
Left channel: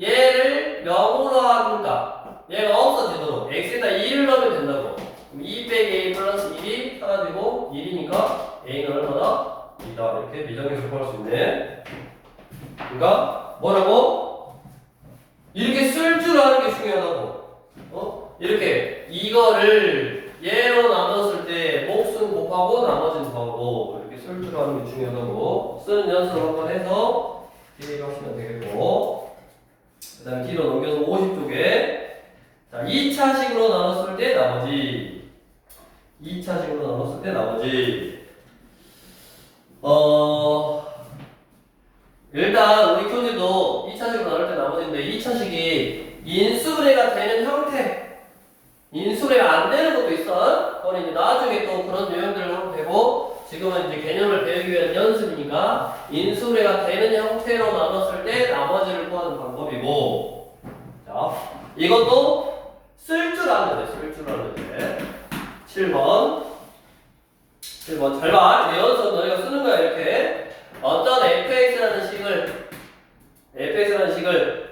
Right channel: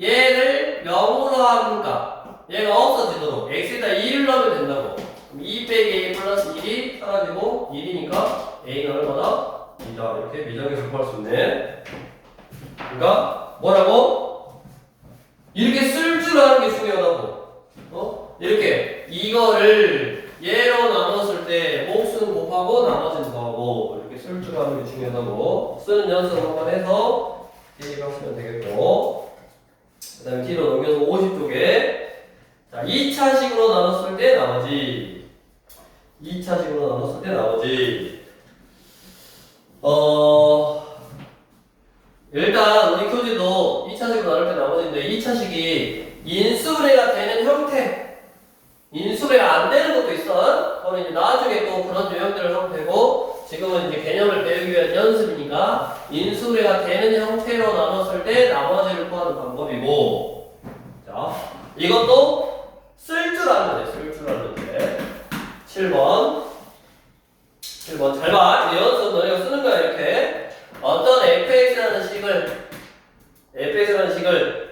얘를 0으로 하니까 얘가 없어지도록 x에다 2를 넣으면 된다고. 그럼 2 빼기 a 플러스 1이 사라지고 1이니까 a는 얼마나? 2다. 이렇게 미정에서 구할 수 있네. 그러니까 뭐라고? 이렇게 쓸 줄 아는 게 중요하다고. 이렇게 이거를 얘로 나눴을 때 몫은 곱하고 나머지는 더하고 이렇게 쓸 줄 아는 게 중요하다고. 쓰는 연습 한번 해서 대입하시면 되겠고, 그 다음에 뒤로 넘겨서 50쪽에 자 2차식으로 나눴을 때 나머지 2차식으로 나눴을 때 나머지 일단 우리 교재도 2차식으로 나눌 때 나머지인데 2차식이 인수분해가 되는 형태, 인수분해가 안 되는 이제 나중에 또 그런 유형들을 하면 되고, 지금은 이제 개념을 배우기 위한 연습이니까 인수분해가 되는 형태로 나눴을 때 나머지를 구하는 방법이고, 자, 이것도 쓸 줄 아는 데, 쓸 줄 아는 데. 7번 잘 봐. 이 연습 너희가 쓰는 거야. 이렇게 어떤 fx라는 식을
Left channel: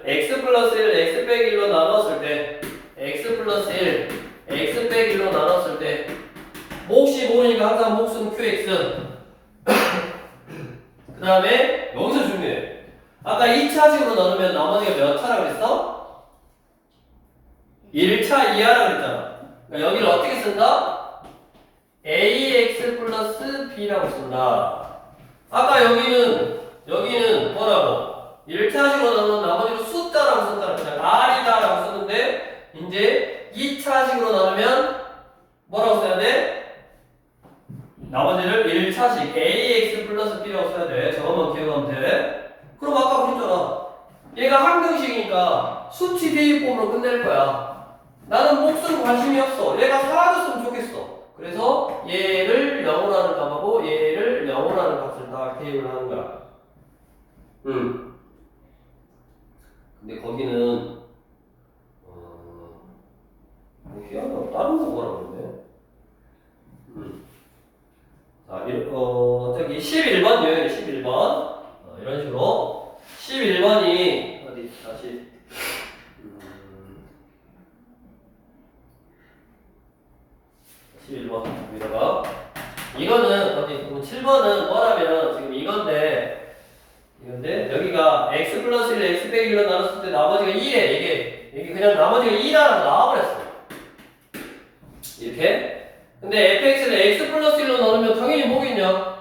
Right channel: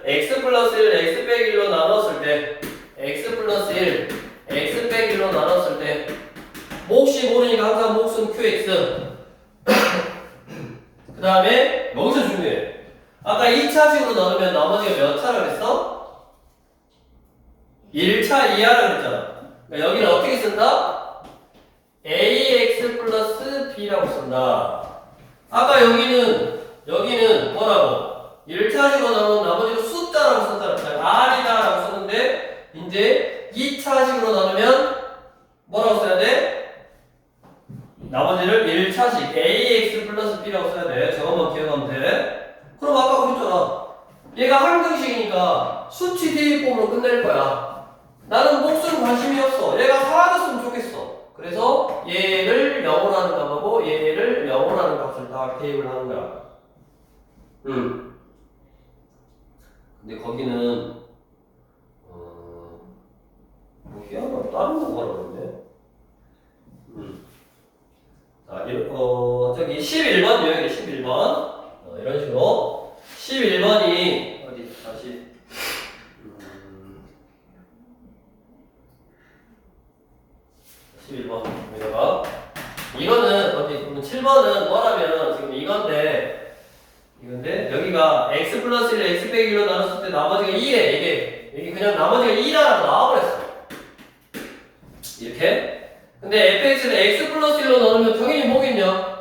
x 플러스 1, x 빼기 1로 나눴을 때 x 플러스 1, x 빼기 1로 나눴을 때 몫이 모르니까 항상 몫은 qx 그 다음에 여기서 중요해. 아까 2차식으로 나누면 나머지가 몇 차라고 그랬어? 1차 이하라고 그랬잖아. 그러니까 여기를 어떻게 쓴다? ax 플러스 b라고 쓴다. 아까 여기는 뭐라고? 1차식으로 나누면 나머지로 숫자라고 썼다 그랬잖아. r이다라고 썼는데 이제 2차식으로 나누면 뭐라고 써야 돼? 나머지를 1차식 ax 플러스 b라고 써야 돼. 저것만 기억하면 돼. 그럼 아까 그랬잖아. 얘가 항등식이니까 수치 대입법으로 끝낼 거야. 나는 몫은 관심이 없어. 얘가 사라졌으면 좋겠어. 그래서 얘를 0으로 하는 값하고 얘를 0으로 하는 값을 다 대입을 하는 거야. 근데 거기는 뭐 희한하다. 다른 거 뭐라고 그러네. 자, 저기 11번 유형이네. 11번 이런 식으로 11번이 어디 다시 11번 여기다가 이거는 어디 7번은 뭐라면 지금 이건데 여기가 x 플러스 1 x 빼기 1로 나눴을 때 나머지가 2래. 이게 그냥 나머지가 2라고 나와버렸어. 이렇게. 근데 fx를 x 플러스 1로 나누면 당연히 뭐겠냐?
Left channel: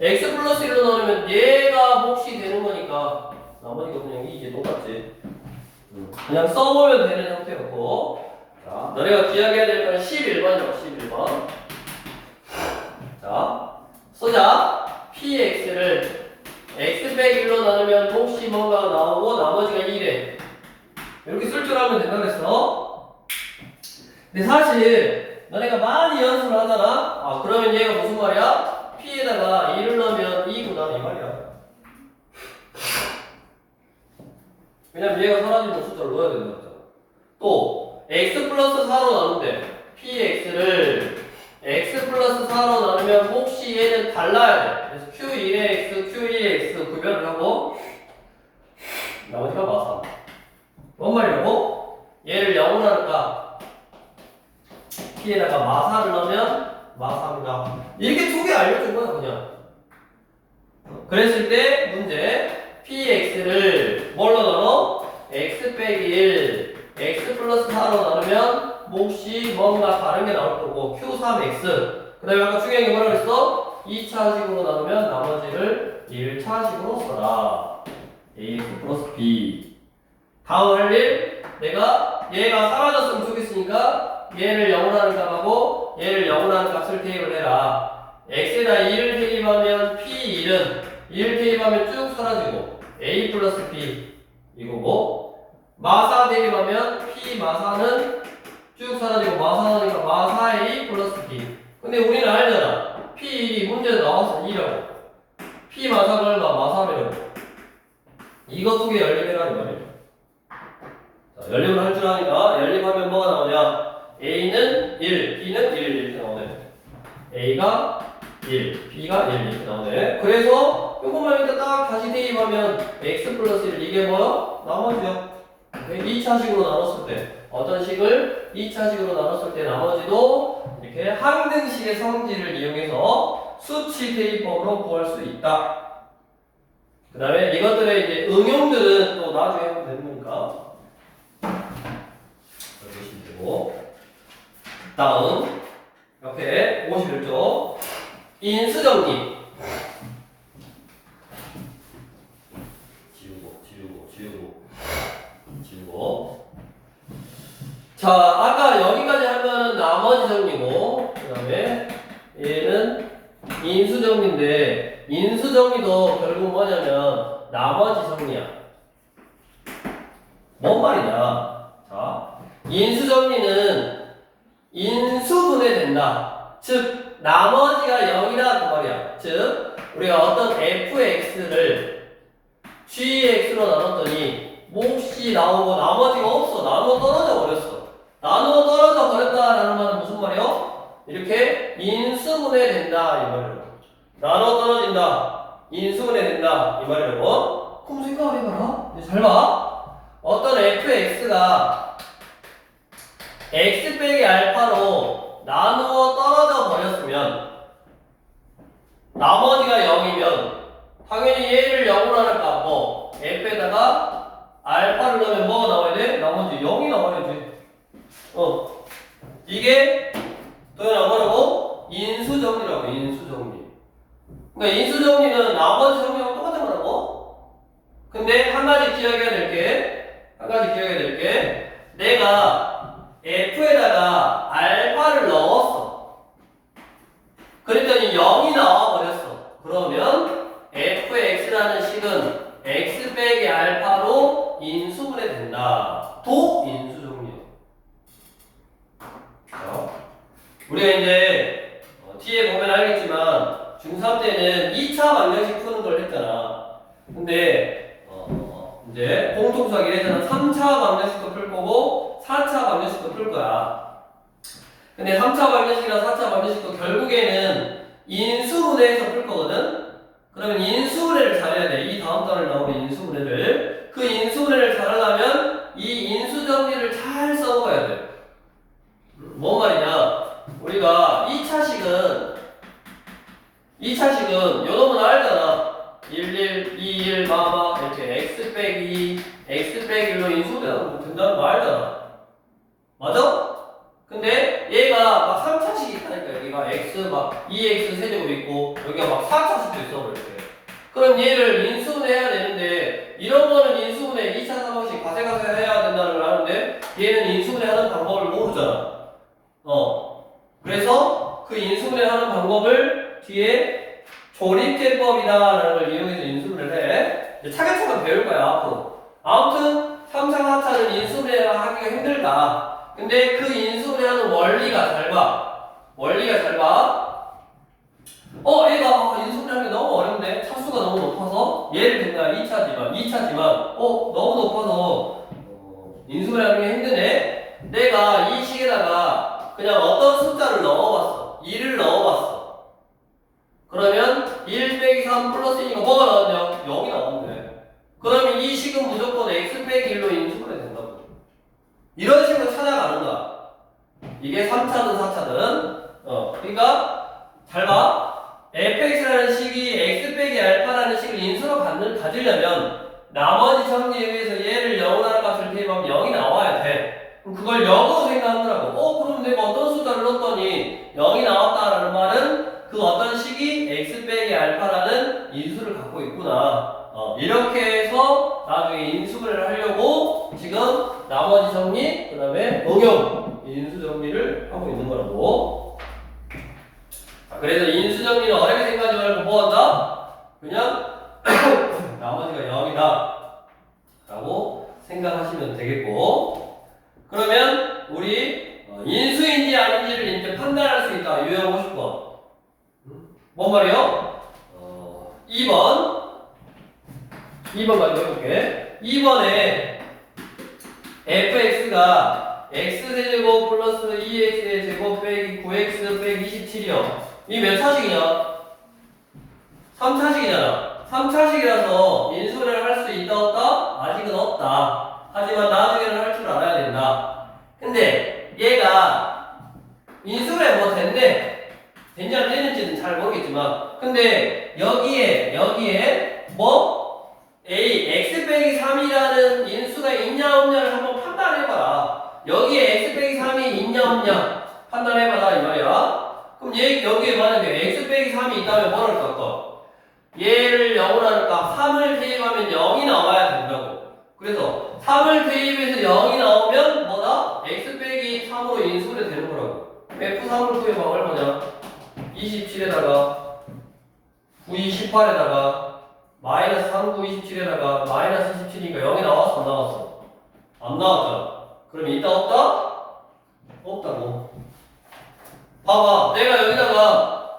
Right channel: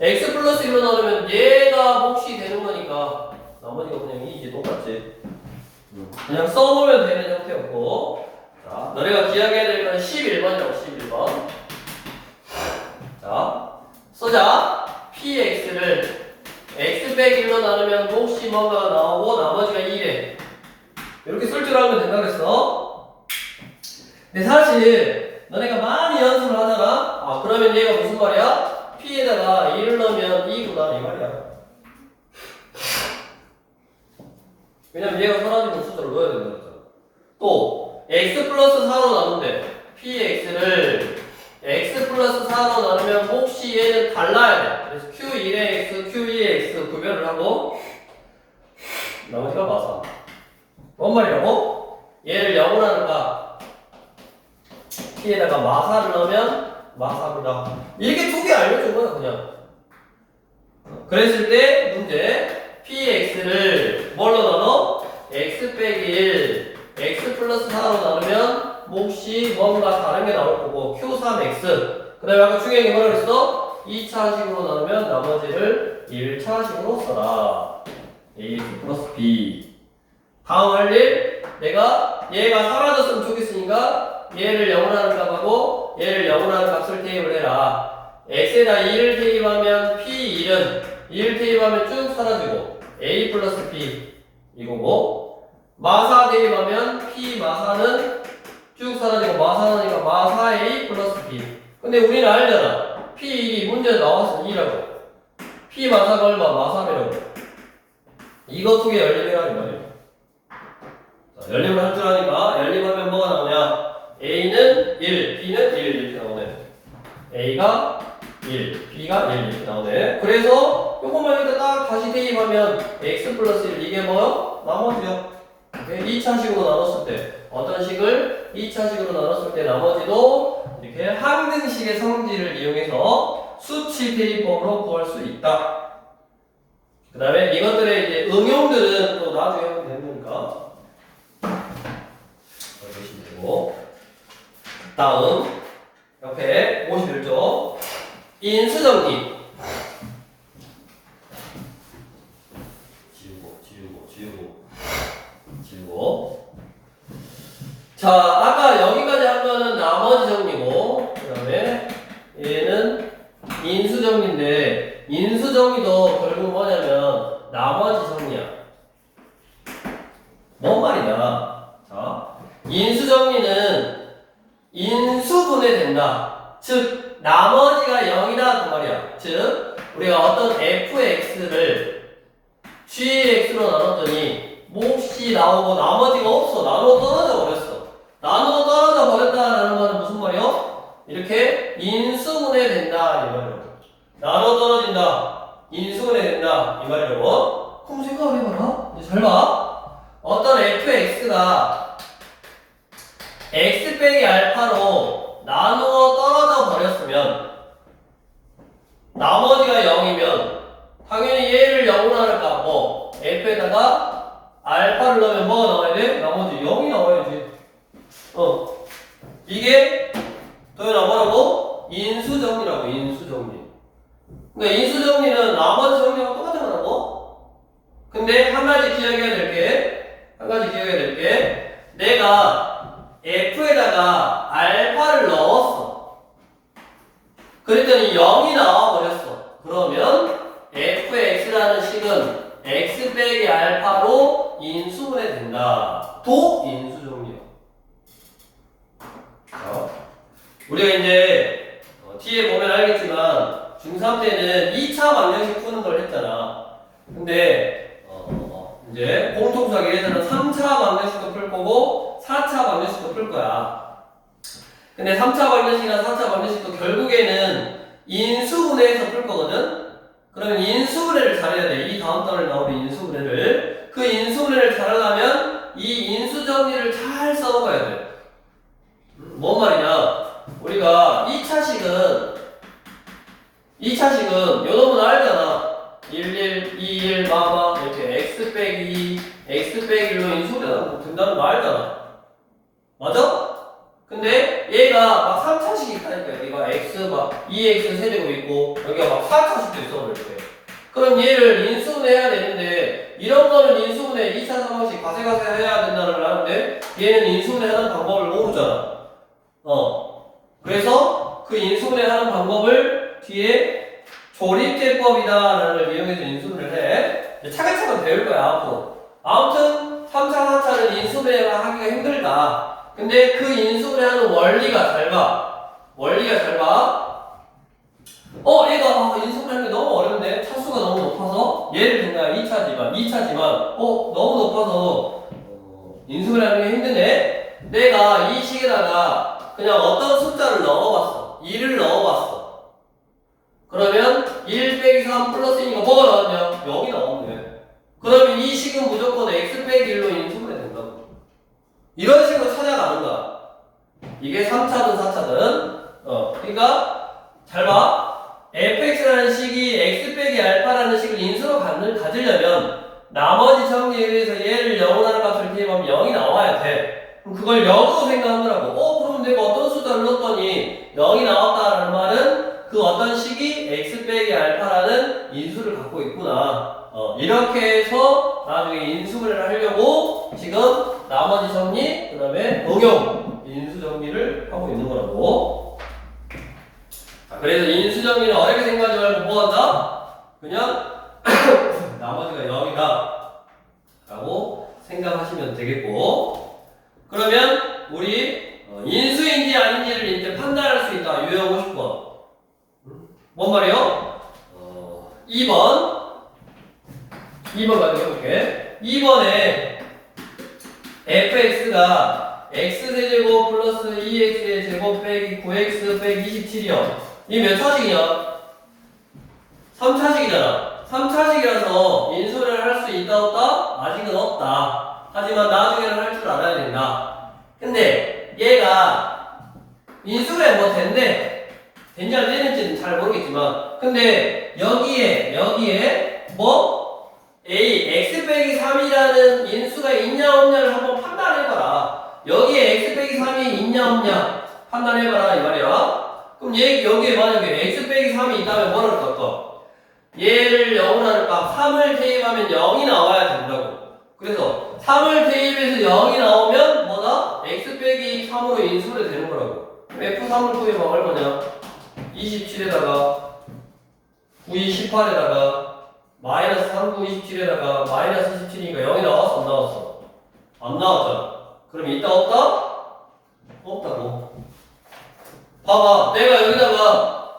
x 플러스 1로 나누면 얘가 몫이 되는 거니까 나머지가 그냥 이제 똑같지. 그냥 써보면 되는 형태였고, 자, 너네가 기억해야 될 거는 11번이라고. 11번. 자, 쓰자. px를 x 빼기 1로 나누면 몫이 뭐가 나오고 나머지가 2래. 이렇게 쓸 줄 알면 된다 그랬어. 근데 사실 너네가 많이 연습을 하잖아. 그러면 얘가 무슨 말이야? p에다가 1을 넣으면 2구나 이 말이야. 왜냐면 얘가 사라지는 숫자를 넣어야 된다 그랬잖아. 또 x 플러스 4로 나눈대. px를 x 플러스 4로 나누면 몫이 얘는 달라야 돼. 그래서 q1의 x, q2의 x 구별을 하고 나머지가 마사. 뭔 말이라고? 얘를 0으로 하니까 p에다가 마사를 넣으면 마사입니다. 이렇게 두 개 알려준 거야 그냥. 그랬을 때 문제 px를 뭘로 나눠? x 빼기 1 x 플러스 4로 나누면 몫이 뭔가 다른 게 나올 거고 q3x 그 다음에 아까 중요한 게 뭐라고 했어? 2차식으로 나누면 나머지를 1차식으로 써라. ax 플러스 b. 다음 할 일 얘가 사라졌으면 좋겠으니까 얘를 0으로 하는 값하고 얘를 0으로 하는 값을 대입을 해라. x에다 2를 대입하면 p1은 2를 대입하면 쭉 사라지고 a 플러스 b 이거고, 마사 대입하면 p 마사는 쭉 사라지고 마사니까 마사 a 플러스 b. 근데 우리는 알잖아. p1이 문제 나와서 2라고. p 마사가 얼마? 마사라고. 이거 두 개 연립이라는 말이야. 자, 연립을 할 줄 아니까 연립하면 뭐가 나오냐? a는 1, b는 1 이렇게 나오네. a가 1, b가 1 이렇게 나오네. 그래서 요것만 여기다 딱 다시 대입하면 x 플러스 1 이게 뭐요? 나머지요. 2차식으로 나눴을 때 어떤 식을 2차식으로 나눴을 때 나머지도 이렇게 항등식의 성질을 이용해서 수치 대입법으로 구할 수 있다. 그 다음에 이것들의 이제 응용들은 또 나중에 하면 되는 거니까 보시면 되고, 다음 옆에 51쪽 인수정리. 지우고. 자, 아까 여기까지 한 거는 나머지 정리고, 그 다음에 얘는 인수정리인데, 인수정리도 결국 뭐냐면 나머지 정리야. 뭔 말이냐? 자, 인수정리는 인수분해 된다. 즉 나머지가 0이다 그 말이야. 즉 우리가 어떤 fx를 gx로 나눴더니 몫이 나오고 나머지가 없어. 나누어 떨어져 버렸어. 나누어 떨어져 버렸다라는 말은 무슨 말이야? 이렇게 인수분해 된다 이 말이야. 나눠 떨어진다. 인수분해 된다. 이 말이라고. 그럼 생각을 해봐라. 이제 잘 봐. 어떤 fx가 x 빼기 알파로 나누어 떨어져 버렸으면 나머지가 0이면 당연히 얘를 0으로 하니까 뭐 f에다가 알파를 넣으면 뭐가 나와야 돼? 나머지 0이 나와야지. 이게 도현아 뭐라고? 인수정리라고. 인수정리. 그러니까 인수정리는 나머지 정리랑 똑같은 거라고. 근데 한 가지 기억해야 될 게 내가 f에다가 알파를 넣었어. 그랬더니 0이 나와버렸어. 그러면 fx라는 식은 x 빼기 알파로 인수분해 된다. 도 인수정리야. 우리가 이제 뒤에 보면 알겠지만 중3 때는 2차 방정식 푸는 걸 했잖아. 근데 이제 공통수학이 예전에 3차 방정식도 풀 거고 4차 방정식도 풀 거야. 근데 3차 방정식이나 4차 방정식도 결국에는 인수분해에서 풀 거거든. 그러면 인수분해를 잘해야 돼. 이 다음 달에 나오는 인수분해를. 그 인수분해를 잘하려면 이 인수정리를 잘 써먹어야 돼. 뭔 말이냐? 우리가 2차식은 요 놈은 알잖아. 11, 21, 마마 이렇게 x 빼기 2, x 빼기 1로 인수분해가 된다는 거 알잖아. 맞아? 근데 얘가 막 3차식이 있다니까. 여기가 x 막 2x 세제곱 있고 여기가 막 4차식도 있어 이렇게. 그럼 얘를 인수분해해야 되는데 이런 거는 인수분해 2차 상황식 가세가세 해야 된다는 걸 아는데 얘는 인수분해하는 방법을 모르잖아. 그래서 그 인수분해하는 방법을 뒤에 조립대법이다라는 걸 이용해서 인수분해를 해. 차근차근 배울 거야 앞으로. 아무튼 3차, 4차는 인수분해가 하기가 힘들다. 근데 그 인수분해하는 원리가 잘 봐. 얘가 인수분해하는 게 너무 어려운데 차수가 너무 높아서 예를 들면 2차지만 너무 높아서 인수분해하는 게 힘드네. 내가 이 식에다가 그냥 어떤 숫자를 넣어봤어. 2를 넣어봤어. 그러면 1 빼기 3 플러스 2가 뭐가 나왔냐? 0이 나왔네. 그러면 이 식은 무조건 x 빼기 1로 인수분해 된다고. 이런 식으로 찾아가는 거야. 이게 3차든 4차든. 그러니까 잘 봐. fx라는 식이 x 빼기 알파라는 식을 인수로 가지려면 나머지 정리에 의해서 얘를 0으로 하는 값을 대입하면 0이 나와야 돼. 그럼 그걸 0으로 생각하더라고. 그럼 내가 어떤 숫자를 넣었더니 0이 나왔다라는 말은 그 어떤 식이 x 빼기 알파라는 인수를 갖고 있구나. 이렇게 해서 나중에 인수분해를 하려고 지금 나머지 정리, 그 다음에 응용, 인수 정리를 하고 있는 거라고. 그래서 인수 정리는 어렵게 생각하지 말고 뭐 한다? 그냥 나머지가 0이다 라고 생각하시면 되겠고. 그러면 우리 인수인지 아닌지를 이제 판단할 수 있다. 유형 50번. 뭔 말이요? 2번 가지고 해볼게. 2번에 fx가 x세제곱 플러스 2x의 제곱 빼기 9x 빼기 27이요. 이 몇 차식이냐? 3차식이잖아. 3차식이라서 인수를 할 수 있다 없다? 아직은 없다. 하지만 나중에는 할 줄 알아야 된다. 근데 얘가 인수를 뭐 됐네. 됐냐 안 됐는지는 잘 모르겠지만 근데 여기에 뭐 x 빼기 3이라는 인수가 있냐 없냐를 한번 판단해봐라. 여기에 x 빼기 3이 있냐 없냐 판단해봐라 이 말이야. 그럼 여기에 만약에 x 빼기 3이 있다면 뭐를 할까? 얘를 0으로 하니까 3을 대입하면 0이 나와야 된다고. 그래서 3을 대입해서 0이 나오면 뭐다? x 빼기 3으로 인수를 되는 거라고. f3을 구해봐. 얼마냐? 27에다가 9, 18에다가 마이너스 3, 9, 27에다가 마이너스 17이니까 0이 나왔어 안 나왔어? 안 나왔잖아. 그럼 있다 없다? 없다고. 봐봐. 내가 여기다가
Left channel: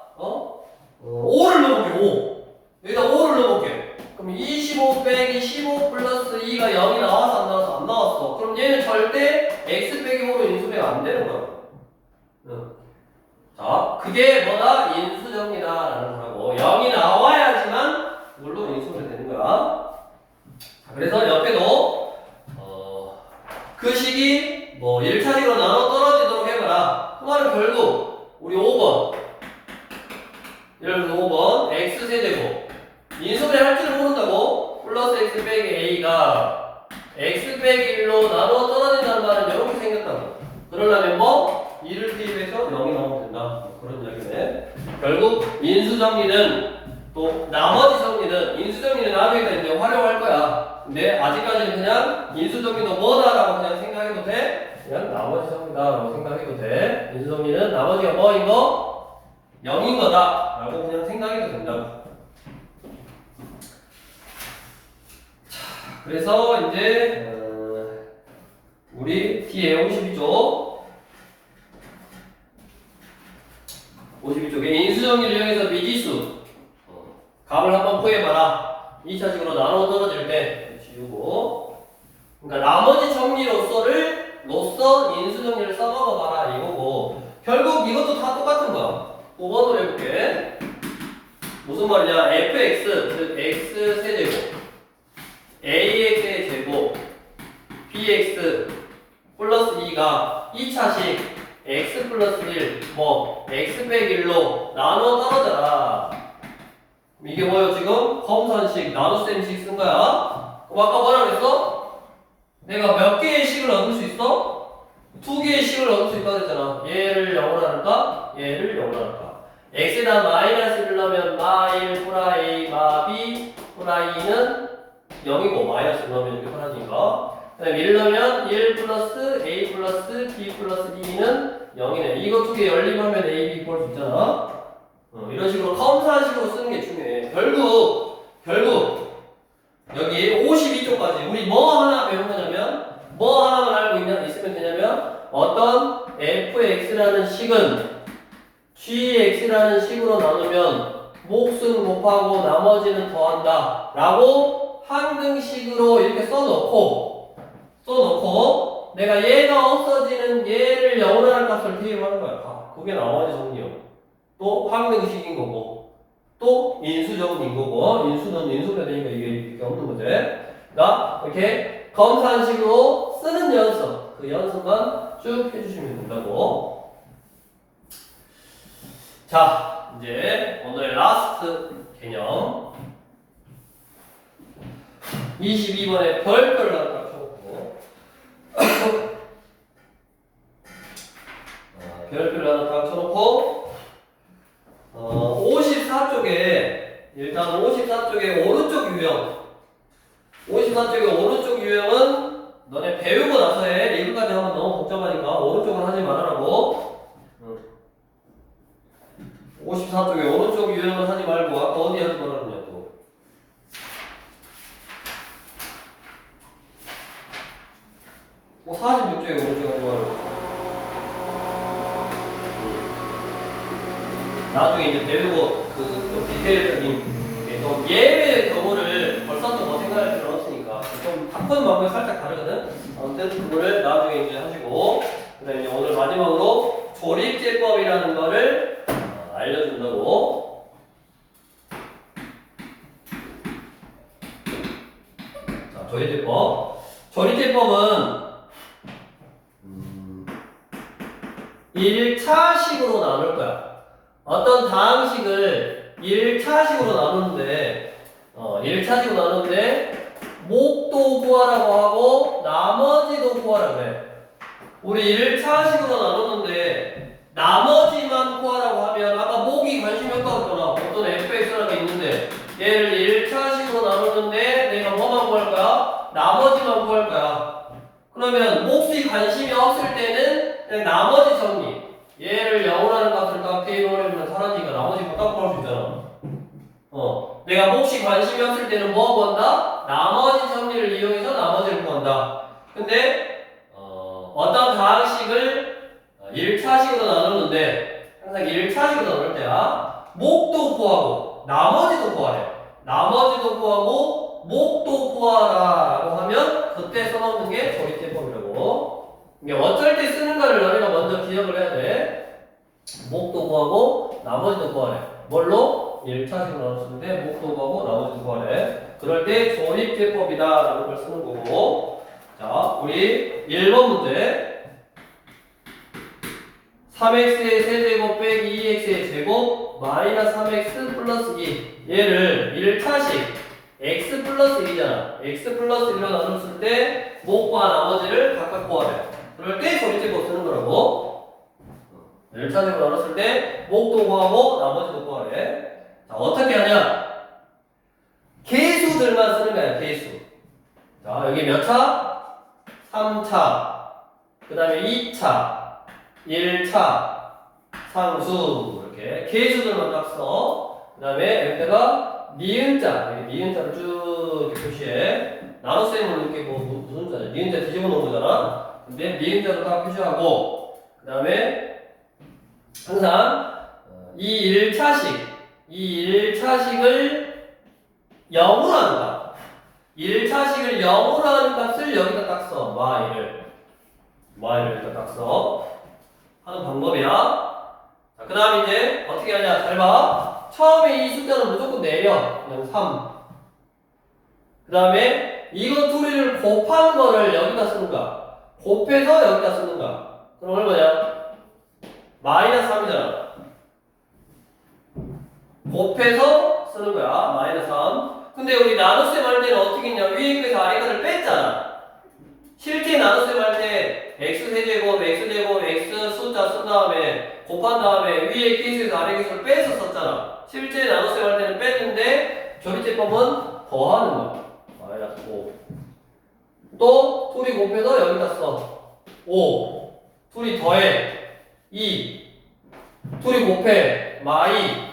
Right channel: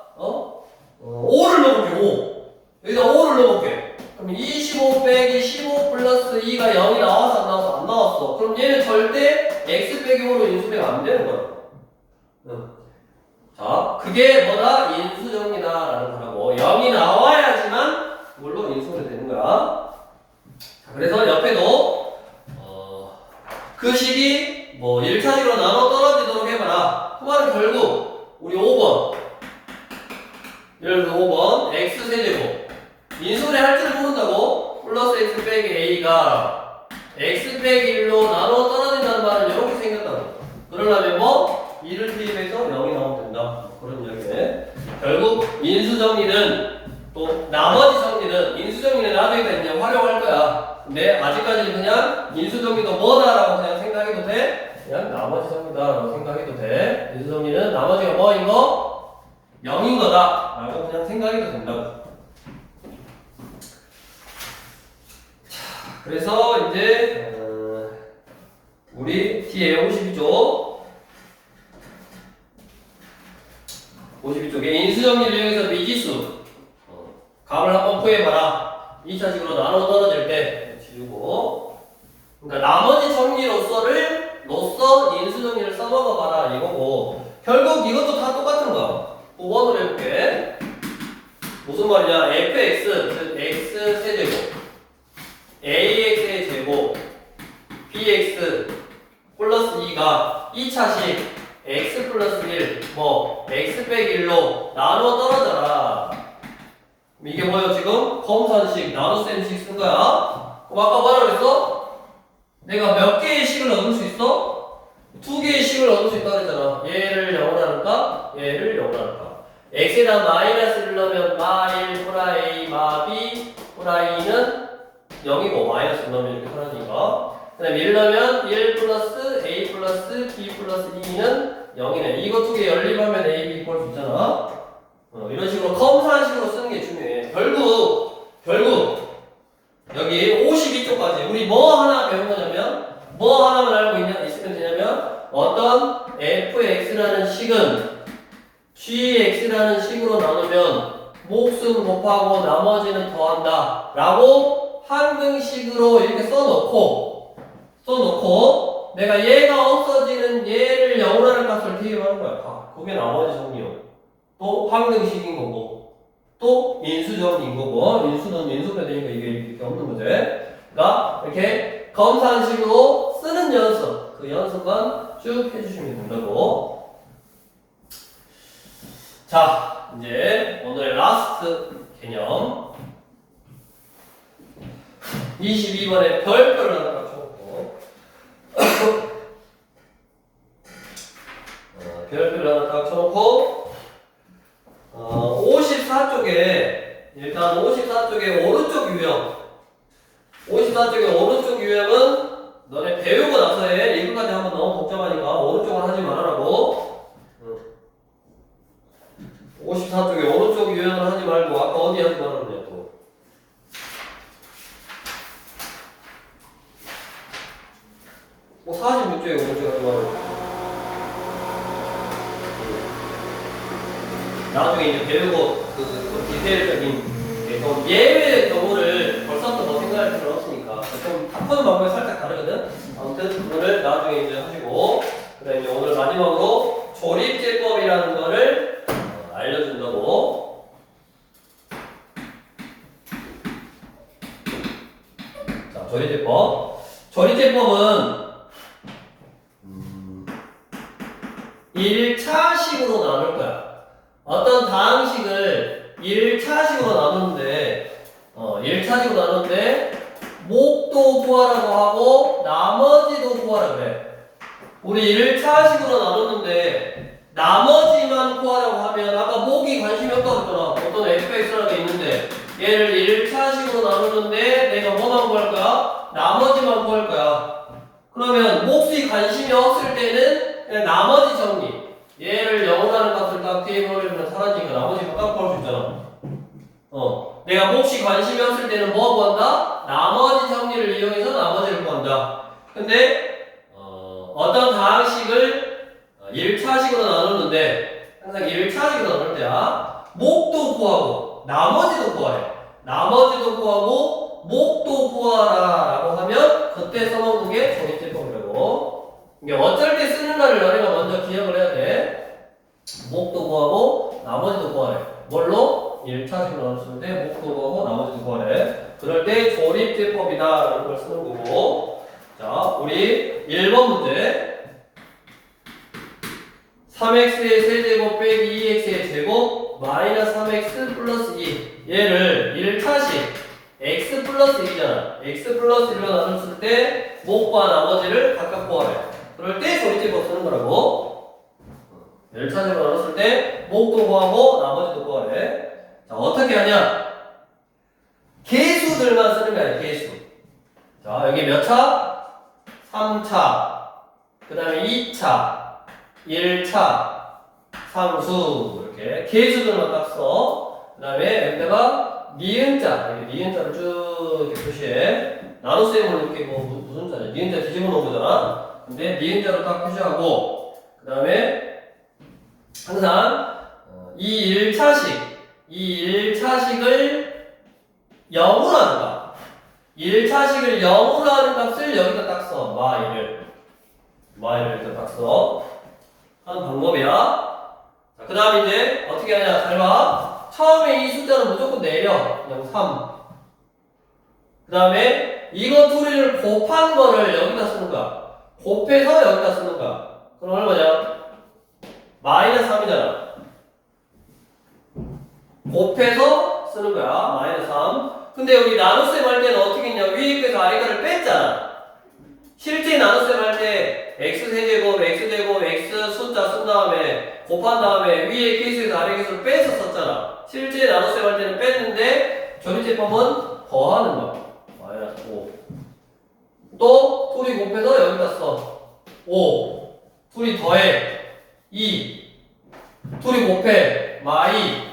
5를 넣어볼게. 5. 여기다 5를 넣어볼게. 그럼 25 빼기 15 플러스 2가 0이 나와서 안 나와서 안 나왔어. 그럼 얘는 절대 x 빼기 5로 인수분해가 안 되는 거야. 자, 그게 뭐다? 인수정리다라는 거라고. 0이 나와야지만 물론 인수분해 되는 거야. 자, 그래서 옆에도 그 식이 뭐 1차식으로 나눠 떨어지도록 해봐라. 그 말은 결국 우리 5번 예를 들어 5번 x세제곱 인수분해 할 줄을 모른다고 플러스 x 빼기 a가 x 빼기 1로 나눠 떨어진다는 말은 이렇게 생겼다고. 그러려면 뭐? 2를 투입해서 0이 나오면 된다. 그런 이야기네. 결국 인수정리는 또 나머지 정리는 인수정리는 나중에 이제 활용할 거야. 근데 아직까지는 그냥 인수정리도 뭐다라고 그냥 생각해도 돼. 그냥 나머지 정리다라고 생각해도 돼. 인수정리는 나머지가 뭐인 거? 0인 거다라고 그냥 생각해도 된다고. 자, 그래서 이제 우리 뒤에 52쪽에 인수정리를 이용해서 미지수 값을 한번 구해봐라. 2차식으로 나눠 떨어질 때 지우고 그러니까 나머지 정리로서 인수정리를 써먹어봐라 이거고 결국 이것도 다 똑같은 거야. 5번으로 해볼게. 무슨 말이냐 fx 즉 x 세제곱 ax의 제곱 bx 플러스 2가 2차식 x 플러스 1 뭐 x 빼기 1로 나눠 떨어져라. 이게 뭐예요 지금? 검산식 나눗셈식 쓴 거야. 그럼 아까 뭐라 그랬어? 내가 몇 개의 식을 얻을 수 있어? 2개의 식을 얻을 수 있다고 그랬잖아. 얘를 0으로 할까? 얘를 0으로 할까? x에다 마이너스를 넣으면 마1 플라이 마2 플라이는 0이고 마이너스 넣으면 이렇게 사라지니까 그 다음에 1 넣으면 1 플러스 a 플러스 b 플러스 2는 0이네. 이거 두 개 연립하면 a, b 볼 수 있잖아. 이런 식으로 컴사식으로 쓰는 게 중요해. 결국 여기 52쪽까지 우리 뭐 하나 배운 거냐면 뭐 하나만 알고 있으면 되냐면 어떤 fx라는 식은 gx라는 식으로 나누면 몫은 곱하고 나머지는 더한다 라고 항등식으로 이렇게 써놓고 내가 얘가 없어지는 얘를 0으로 하는 값을 대입하는 거야. 그게 나머지 정리요. 또 항등식인 거고 또 인수정리인 거고 인수는 인수분해니까 이게 없는 문제. 그러니까 이렇게 검산식으로 쓰는 연습 그 연습만 쭉 해주시면 된다고. 자 이제 오늘 라스트 개념 22번에 별표를 하나 쳐놓고 별표를 하나 딱 쳐놓고 54쪽에 일단 54쪽에 오른쪽 유형 54쪽에 오른쪽 유형은 너네 배우고 나서 해. 이거까지 하면 너무 복잡하니까 오른쪽은 하지 말아라고. 54쪽에 오른쪽 유형을 하지 말고 아까 어디 하지 말았냐 또. 뭐 46쪽에 오른쪽 하지 말라고. 나중에 이제 배우고 그 디테일적인 좀 예외의 경우를 벌써 또 뭐 생각할 필요 없으니까 좀 바꾸는 방법이 살짝 다르거든. 아무튼 그거를 나중에 이제 하시고 그다음에 오늘 마지막으로 조립제법이라는 거를 알려준다고. 자, 조립제법은 1차식으로 나눌 거야. 어떤 다항식을 1차식으로 나누는데 1차식으로 나누는데 목도 구하라고 하고 나머지도 구하라고 그래. 우리 1차식으로 나눴는데 나머지만 구하라고 하면 아까 목이 관심이 없다고 했잖아. 어떤 fx라는 게 있는데 얘를 1차식으로 나누는데 내가 뭐만 구할 거야? 나머지만 구할 거야. 그러면 몫이 관심이 없을 때는 그냥 나머지 정리 얘를 0으로 하는 값을 딱 대입해버리면 사라지니까 나머지만 딱 구할 수 있잖아. 내가 몫이 관심이 없을 때는 뭐 구한다? 나머지 정리를 이용해서 나머지를 구한다. 근데 어떤 다항식을 1차식으로 나누는데 항상 1차식으로 나눌 때야 목도 구하고 나머지도 구하래. 나머지도 구하고 목도 구하라 라고 하면 그때 써놓는 게 조립제법이라고. 이게 어쩔 때 쓰는가를 너네가 먼저 기억을 해야 돼. 목도 구하고 나머지도 구하래. 뭘로? 1차식으로 나눴는데 목도 구하고 나머지도 구하래. 그럴 때 조립제법이다 라는 걸 쓰는 거고. 자, 우리 1번 문제 3x의 세제곱 빼기 2x의 제곱 마이너스 3x 플러스 2 얘를 1차식 x 플러스 2잖아. x 플러스 1로 나눴을 때 목과 나머지를 각각 구하래. 그럴 때 조립제법 쓰는 거라고. 1차식으로 나눴을 때 목도 구하고 나머지도 구하래. 자, 어떻게 하냐? 계수들만 쓰는 거야, 계수. 자, 여기 몇 차? 3차. 그 다음에 2차. 1차, 상수 이렇게 계수들만 딱 써. 그 다음에 여기다가 니은자, 여기 니은자를 쭉 이렇게 표시해. 나눗셈을 이렇게 뭐 무슨 자냐? 니은자 뒤집어 놓은 거잖아. 근데 니은자로 딱 표시하고 그 다음에 항상 이 1차식을 0으로 한다. 1차식을 0으로 하는 값을 여기다 딱 써. y를 여기다 딱 써. 하는 방법이야. 자, 그 다음에 이제 어떻게 하냐? 잘 봐. 처음에 이 숫자는 무조건 내려. 그냥 3. 그 다음에 이거 둘이를 곱한 거를 여기다 쓰는 거야. 곱해서 여기다 쓰는 거야. 그럼 얼마냐? 마이너스 3이잖아. 곱해서 쓰는 거야. 마이너스 3. 근데 우리 나눗셈 할 때는 어떻게 했냐? 위에 거에서 아래 거를 뺐잖아. 실제 나눗셈 할 때 x세제곱, x제곱, x 숫자 쓴 다음에 곱한 다음에 위에 계수에서 아래 계수를 빼서 썼잖아. 실제 나눗셈 할 때는 뺐는데 조립제법은 더하는 거야. 마이너스 5. 또 둘이 곱해서 여기다 써. 5. 둘이 더해. 2. 둘이 곱해. 마이.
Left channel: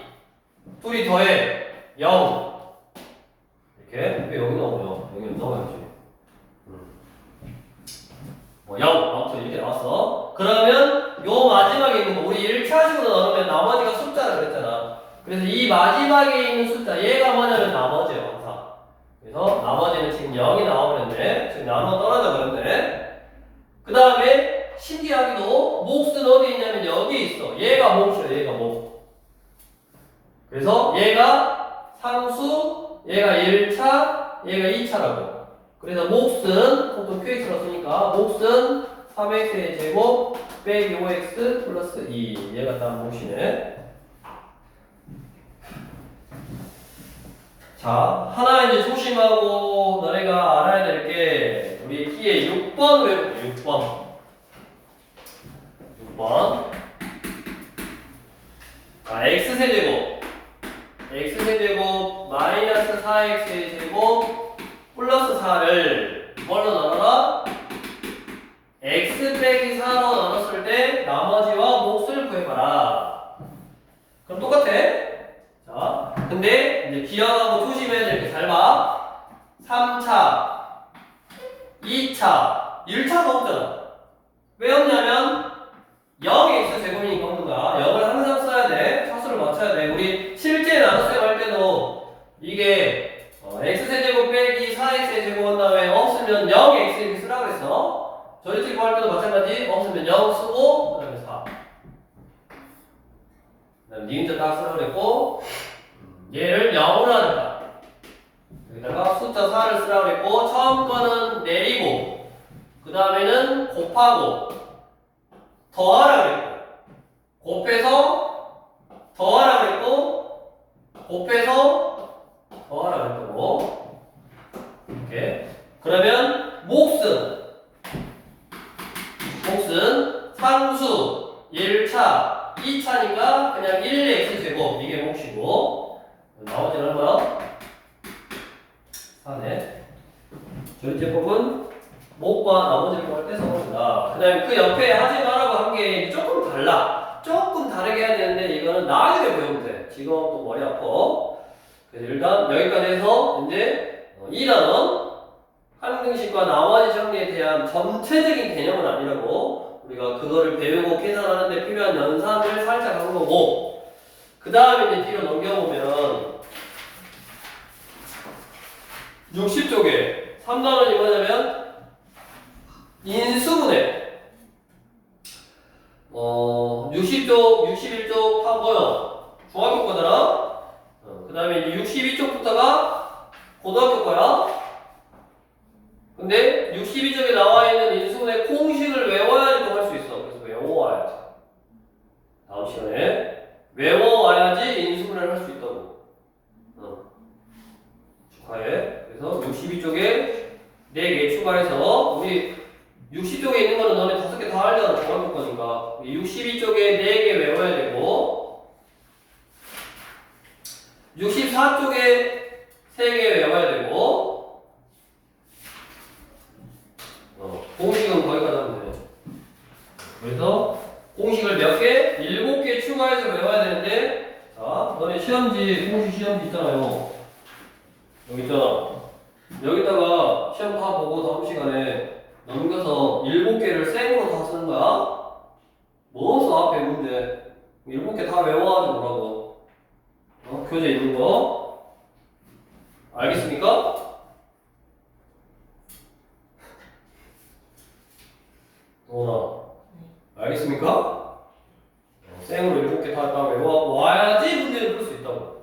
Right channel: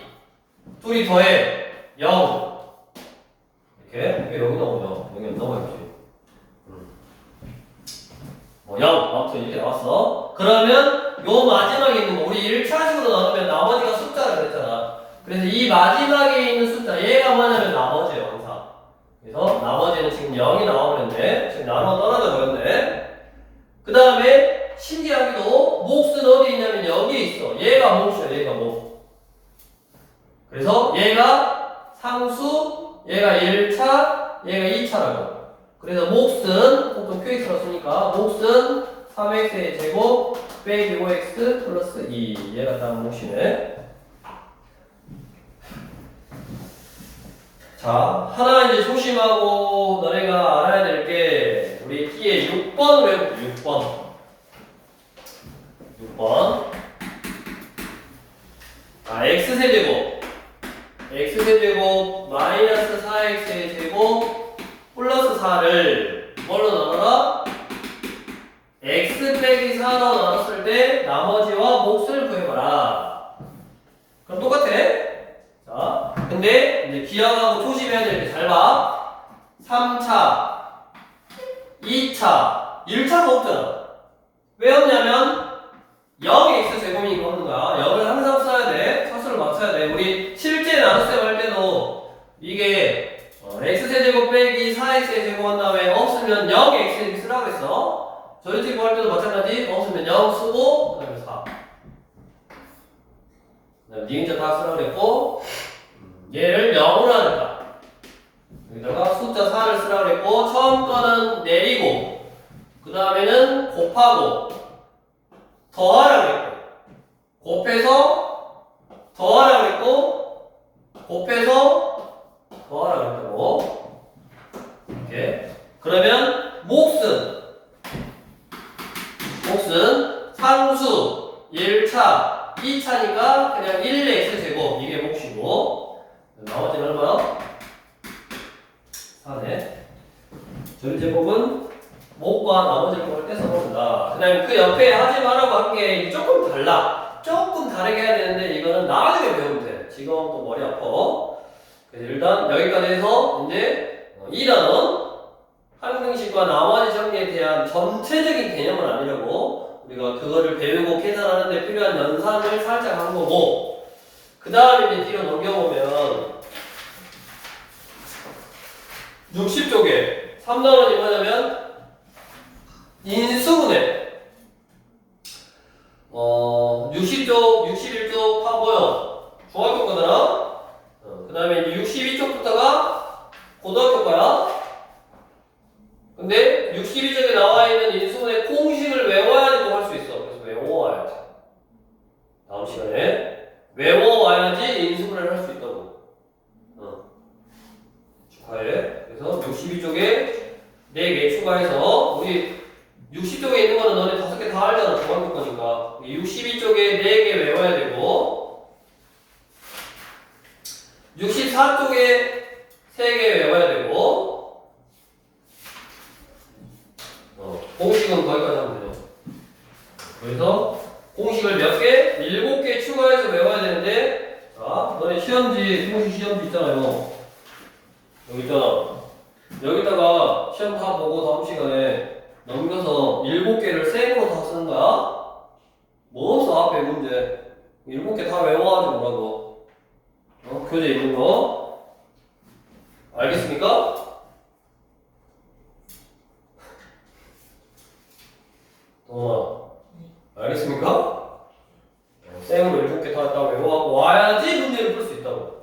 둘이 더해. 0. 이렇게. 왜 여기 나오냐? 여기 안 나와야지. 0. 아무튼 이렇게 나왔어. 그러면 요 마지막에 있는 거, 우리 1차식으로 나누면 나머지가 숫자라 그랬잖아. 그래서 이 마지막에 있는 숫자, 얘가 뭐냐면 나머지예요, 항상. 그래서 나머지는 지금 0이 나와버렸네. 지금 나눠 떨어져 버렸네. 그 다음에 신기하게도 몫은 어디 있냐면 여기 있어. 얘가 몫이야, 얘가 몫. 그래서 얘가 상수, 얘가 1차, 얘가 2차라고. 그래서 몫은 보통 QX로 쓰니까 몫은 3x의 제곱 빼기 5x 플러스 2 얘가 딱 몫이네. 자, 하나 이제 조심하고 너네가 알아야 될 게 우리 뒤에 6번 외우고 6번 x세제곱 마이너스 4x의 제곱 플러스 4를 뭘로 나눠라? x 빼기 4로 나눴을 때 나머지와 몫을 구해봐라. 그럼 똑같아. 자, 근데 이제 기억하고 조심해야 될 게 잘 봐. 3차, 2차, 1차가 없잖아. 왜 없냐면 0x 제곱이니까 없는 거야. 0을 항상 써야 돼. 차수를 맞춰야 돼. 우리 실제 나눗셈 할 때도 이게 x세제곱 빼기 4x의 제곱 한 다음에 없으면 0x 쓰라고 했어. 조립제곱 할 때도 마찬가지. 없으면 0 쓰고 그 다음에 4. 그 다음에 니은자 딱 쓰라고 그랬고 얘를 0으로 하니까 여기다가 숫자 4를 쓰라고 그랬고 처음 거는 내리고 그 다음에는 곱하고 더하라고 그랬고 곱해서 더하라고 그랬고 곱해서 더하라고 그랬고 이렇게. 그러면 몫은 상수 1차 2차니까 그냥 1x 제곱 이게 몫이고 나머지는 얼마야? 4네. 조립제법은 목과 나머지를 구할 때 써본다. 그 다음에 그 옆에 하지 말라고 한 게 조금 달라. 조금 다르게 해야 되는데 이거는 나중에 배우면 돼. 지금 또 머리 아파. 그래서 일단 여기까지 해서 이제 2단원 항등식과 나머지 정리에 대한 전체적인 개념은 아니라고 우리가 그거를 배우고 계산하는데 필요한 연산을 살짝 한 거고, 그 다음에 이제 뒤로 넘겨보면 60쪽에 3단원이 뭐냐면 인수분해. 60쪽, 61쪽 다 뭐요? 중학교 거잖아. 그 다음에 62쪽부터가 고등학교 거야. 근데 62쪽에 나와 있는 인수분해 공식을 외워야지 또 할 수 있어. 그래서 외워와야지. 다음 시간에 외워와야지 인수분해를 할 수 있다고. 축하해. 그래서 62쪽에 4개 추가해서 우리 60쪽에 있는 거는 너네 5개 다 알잖아. 중학교 거니까. 62쪽에 4개 외워야 되고 64쪽에 3개 외워야 되고 공식은 거기까지 하면 돼요. 그래서 공식을 몇 개? 7개 추가해서 외워야 되는데 자, 너네 시험지, 공식 시험지 있잖아요. 여기 있잖아. 여기다가 시험 다 보고 다음 시간에 넘겨서 7개를 생으로 다 쓰는 거야. 뭐 없어 앞에 문제. 7개 다 외워가지고 오라고. 교재 있는 거. 알겠습니까? 도나 알겠습니까? 생으로 7개 다 외워가고 와야지 문제를 풀 수 있다고.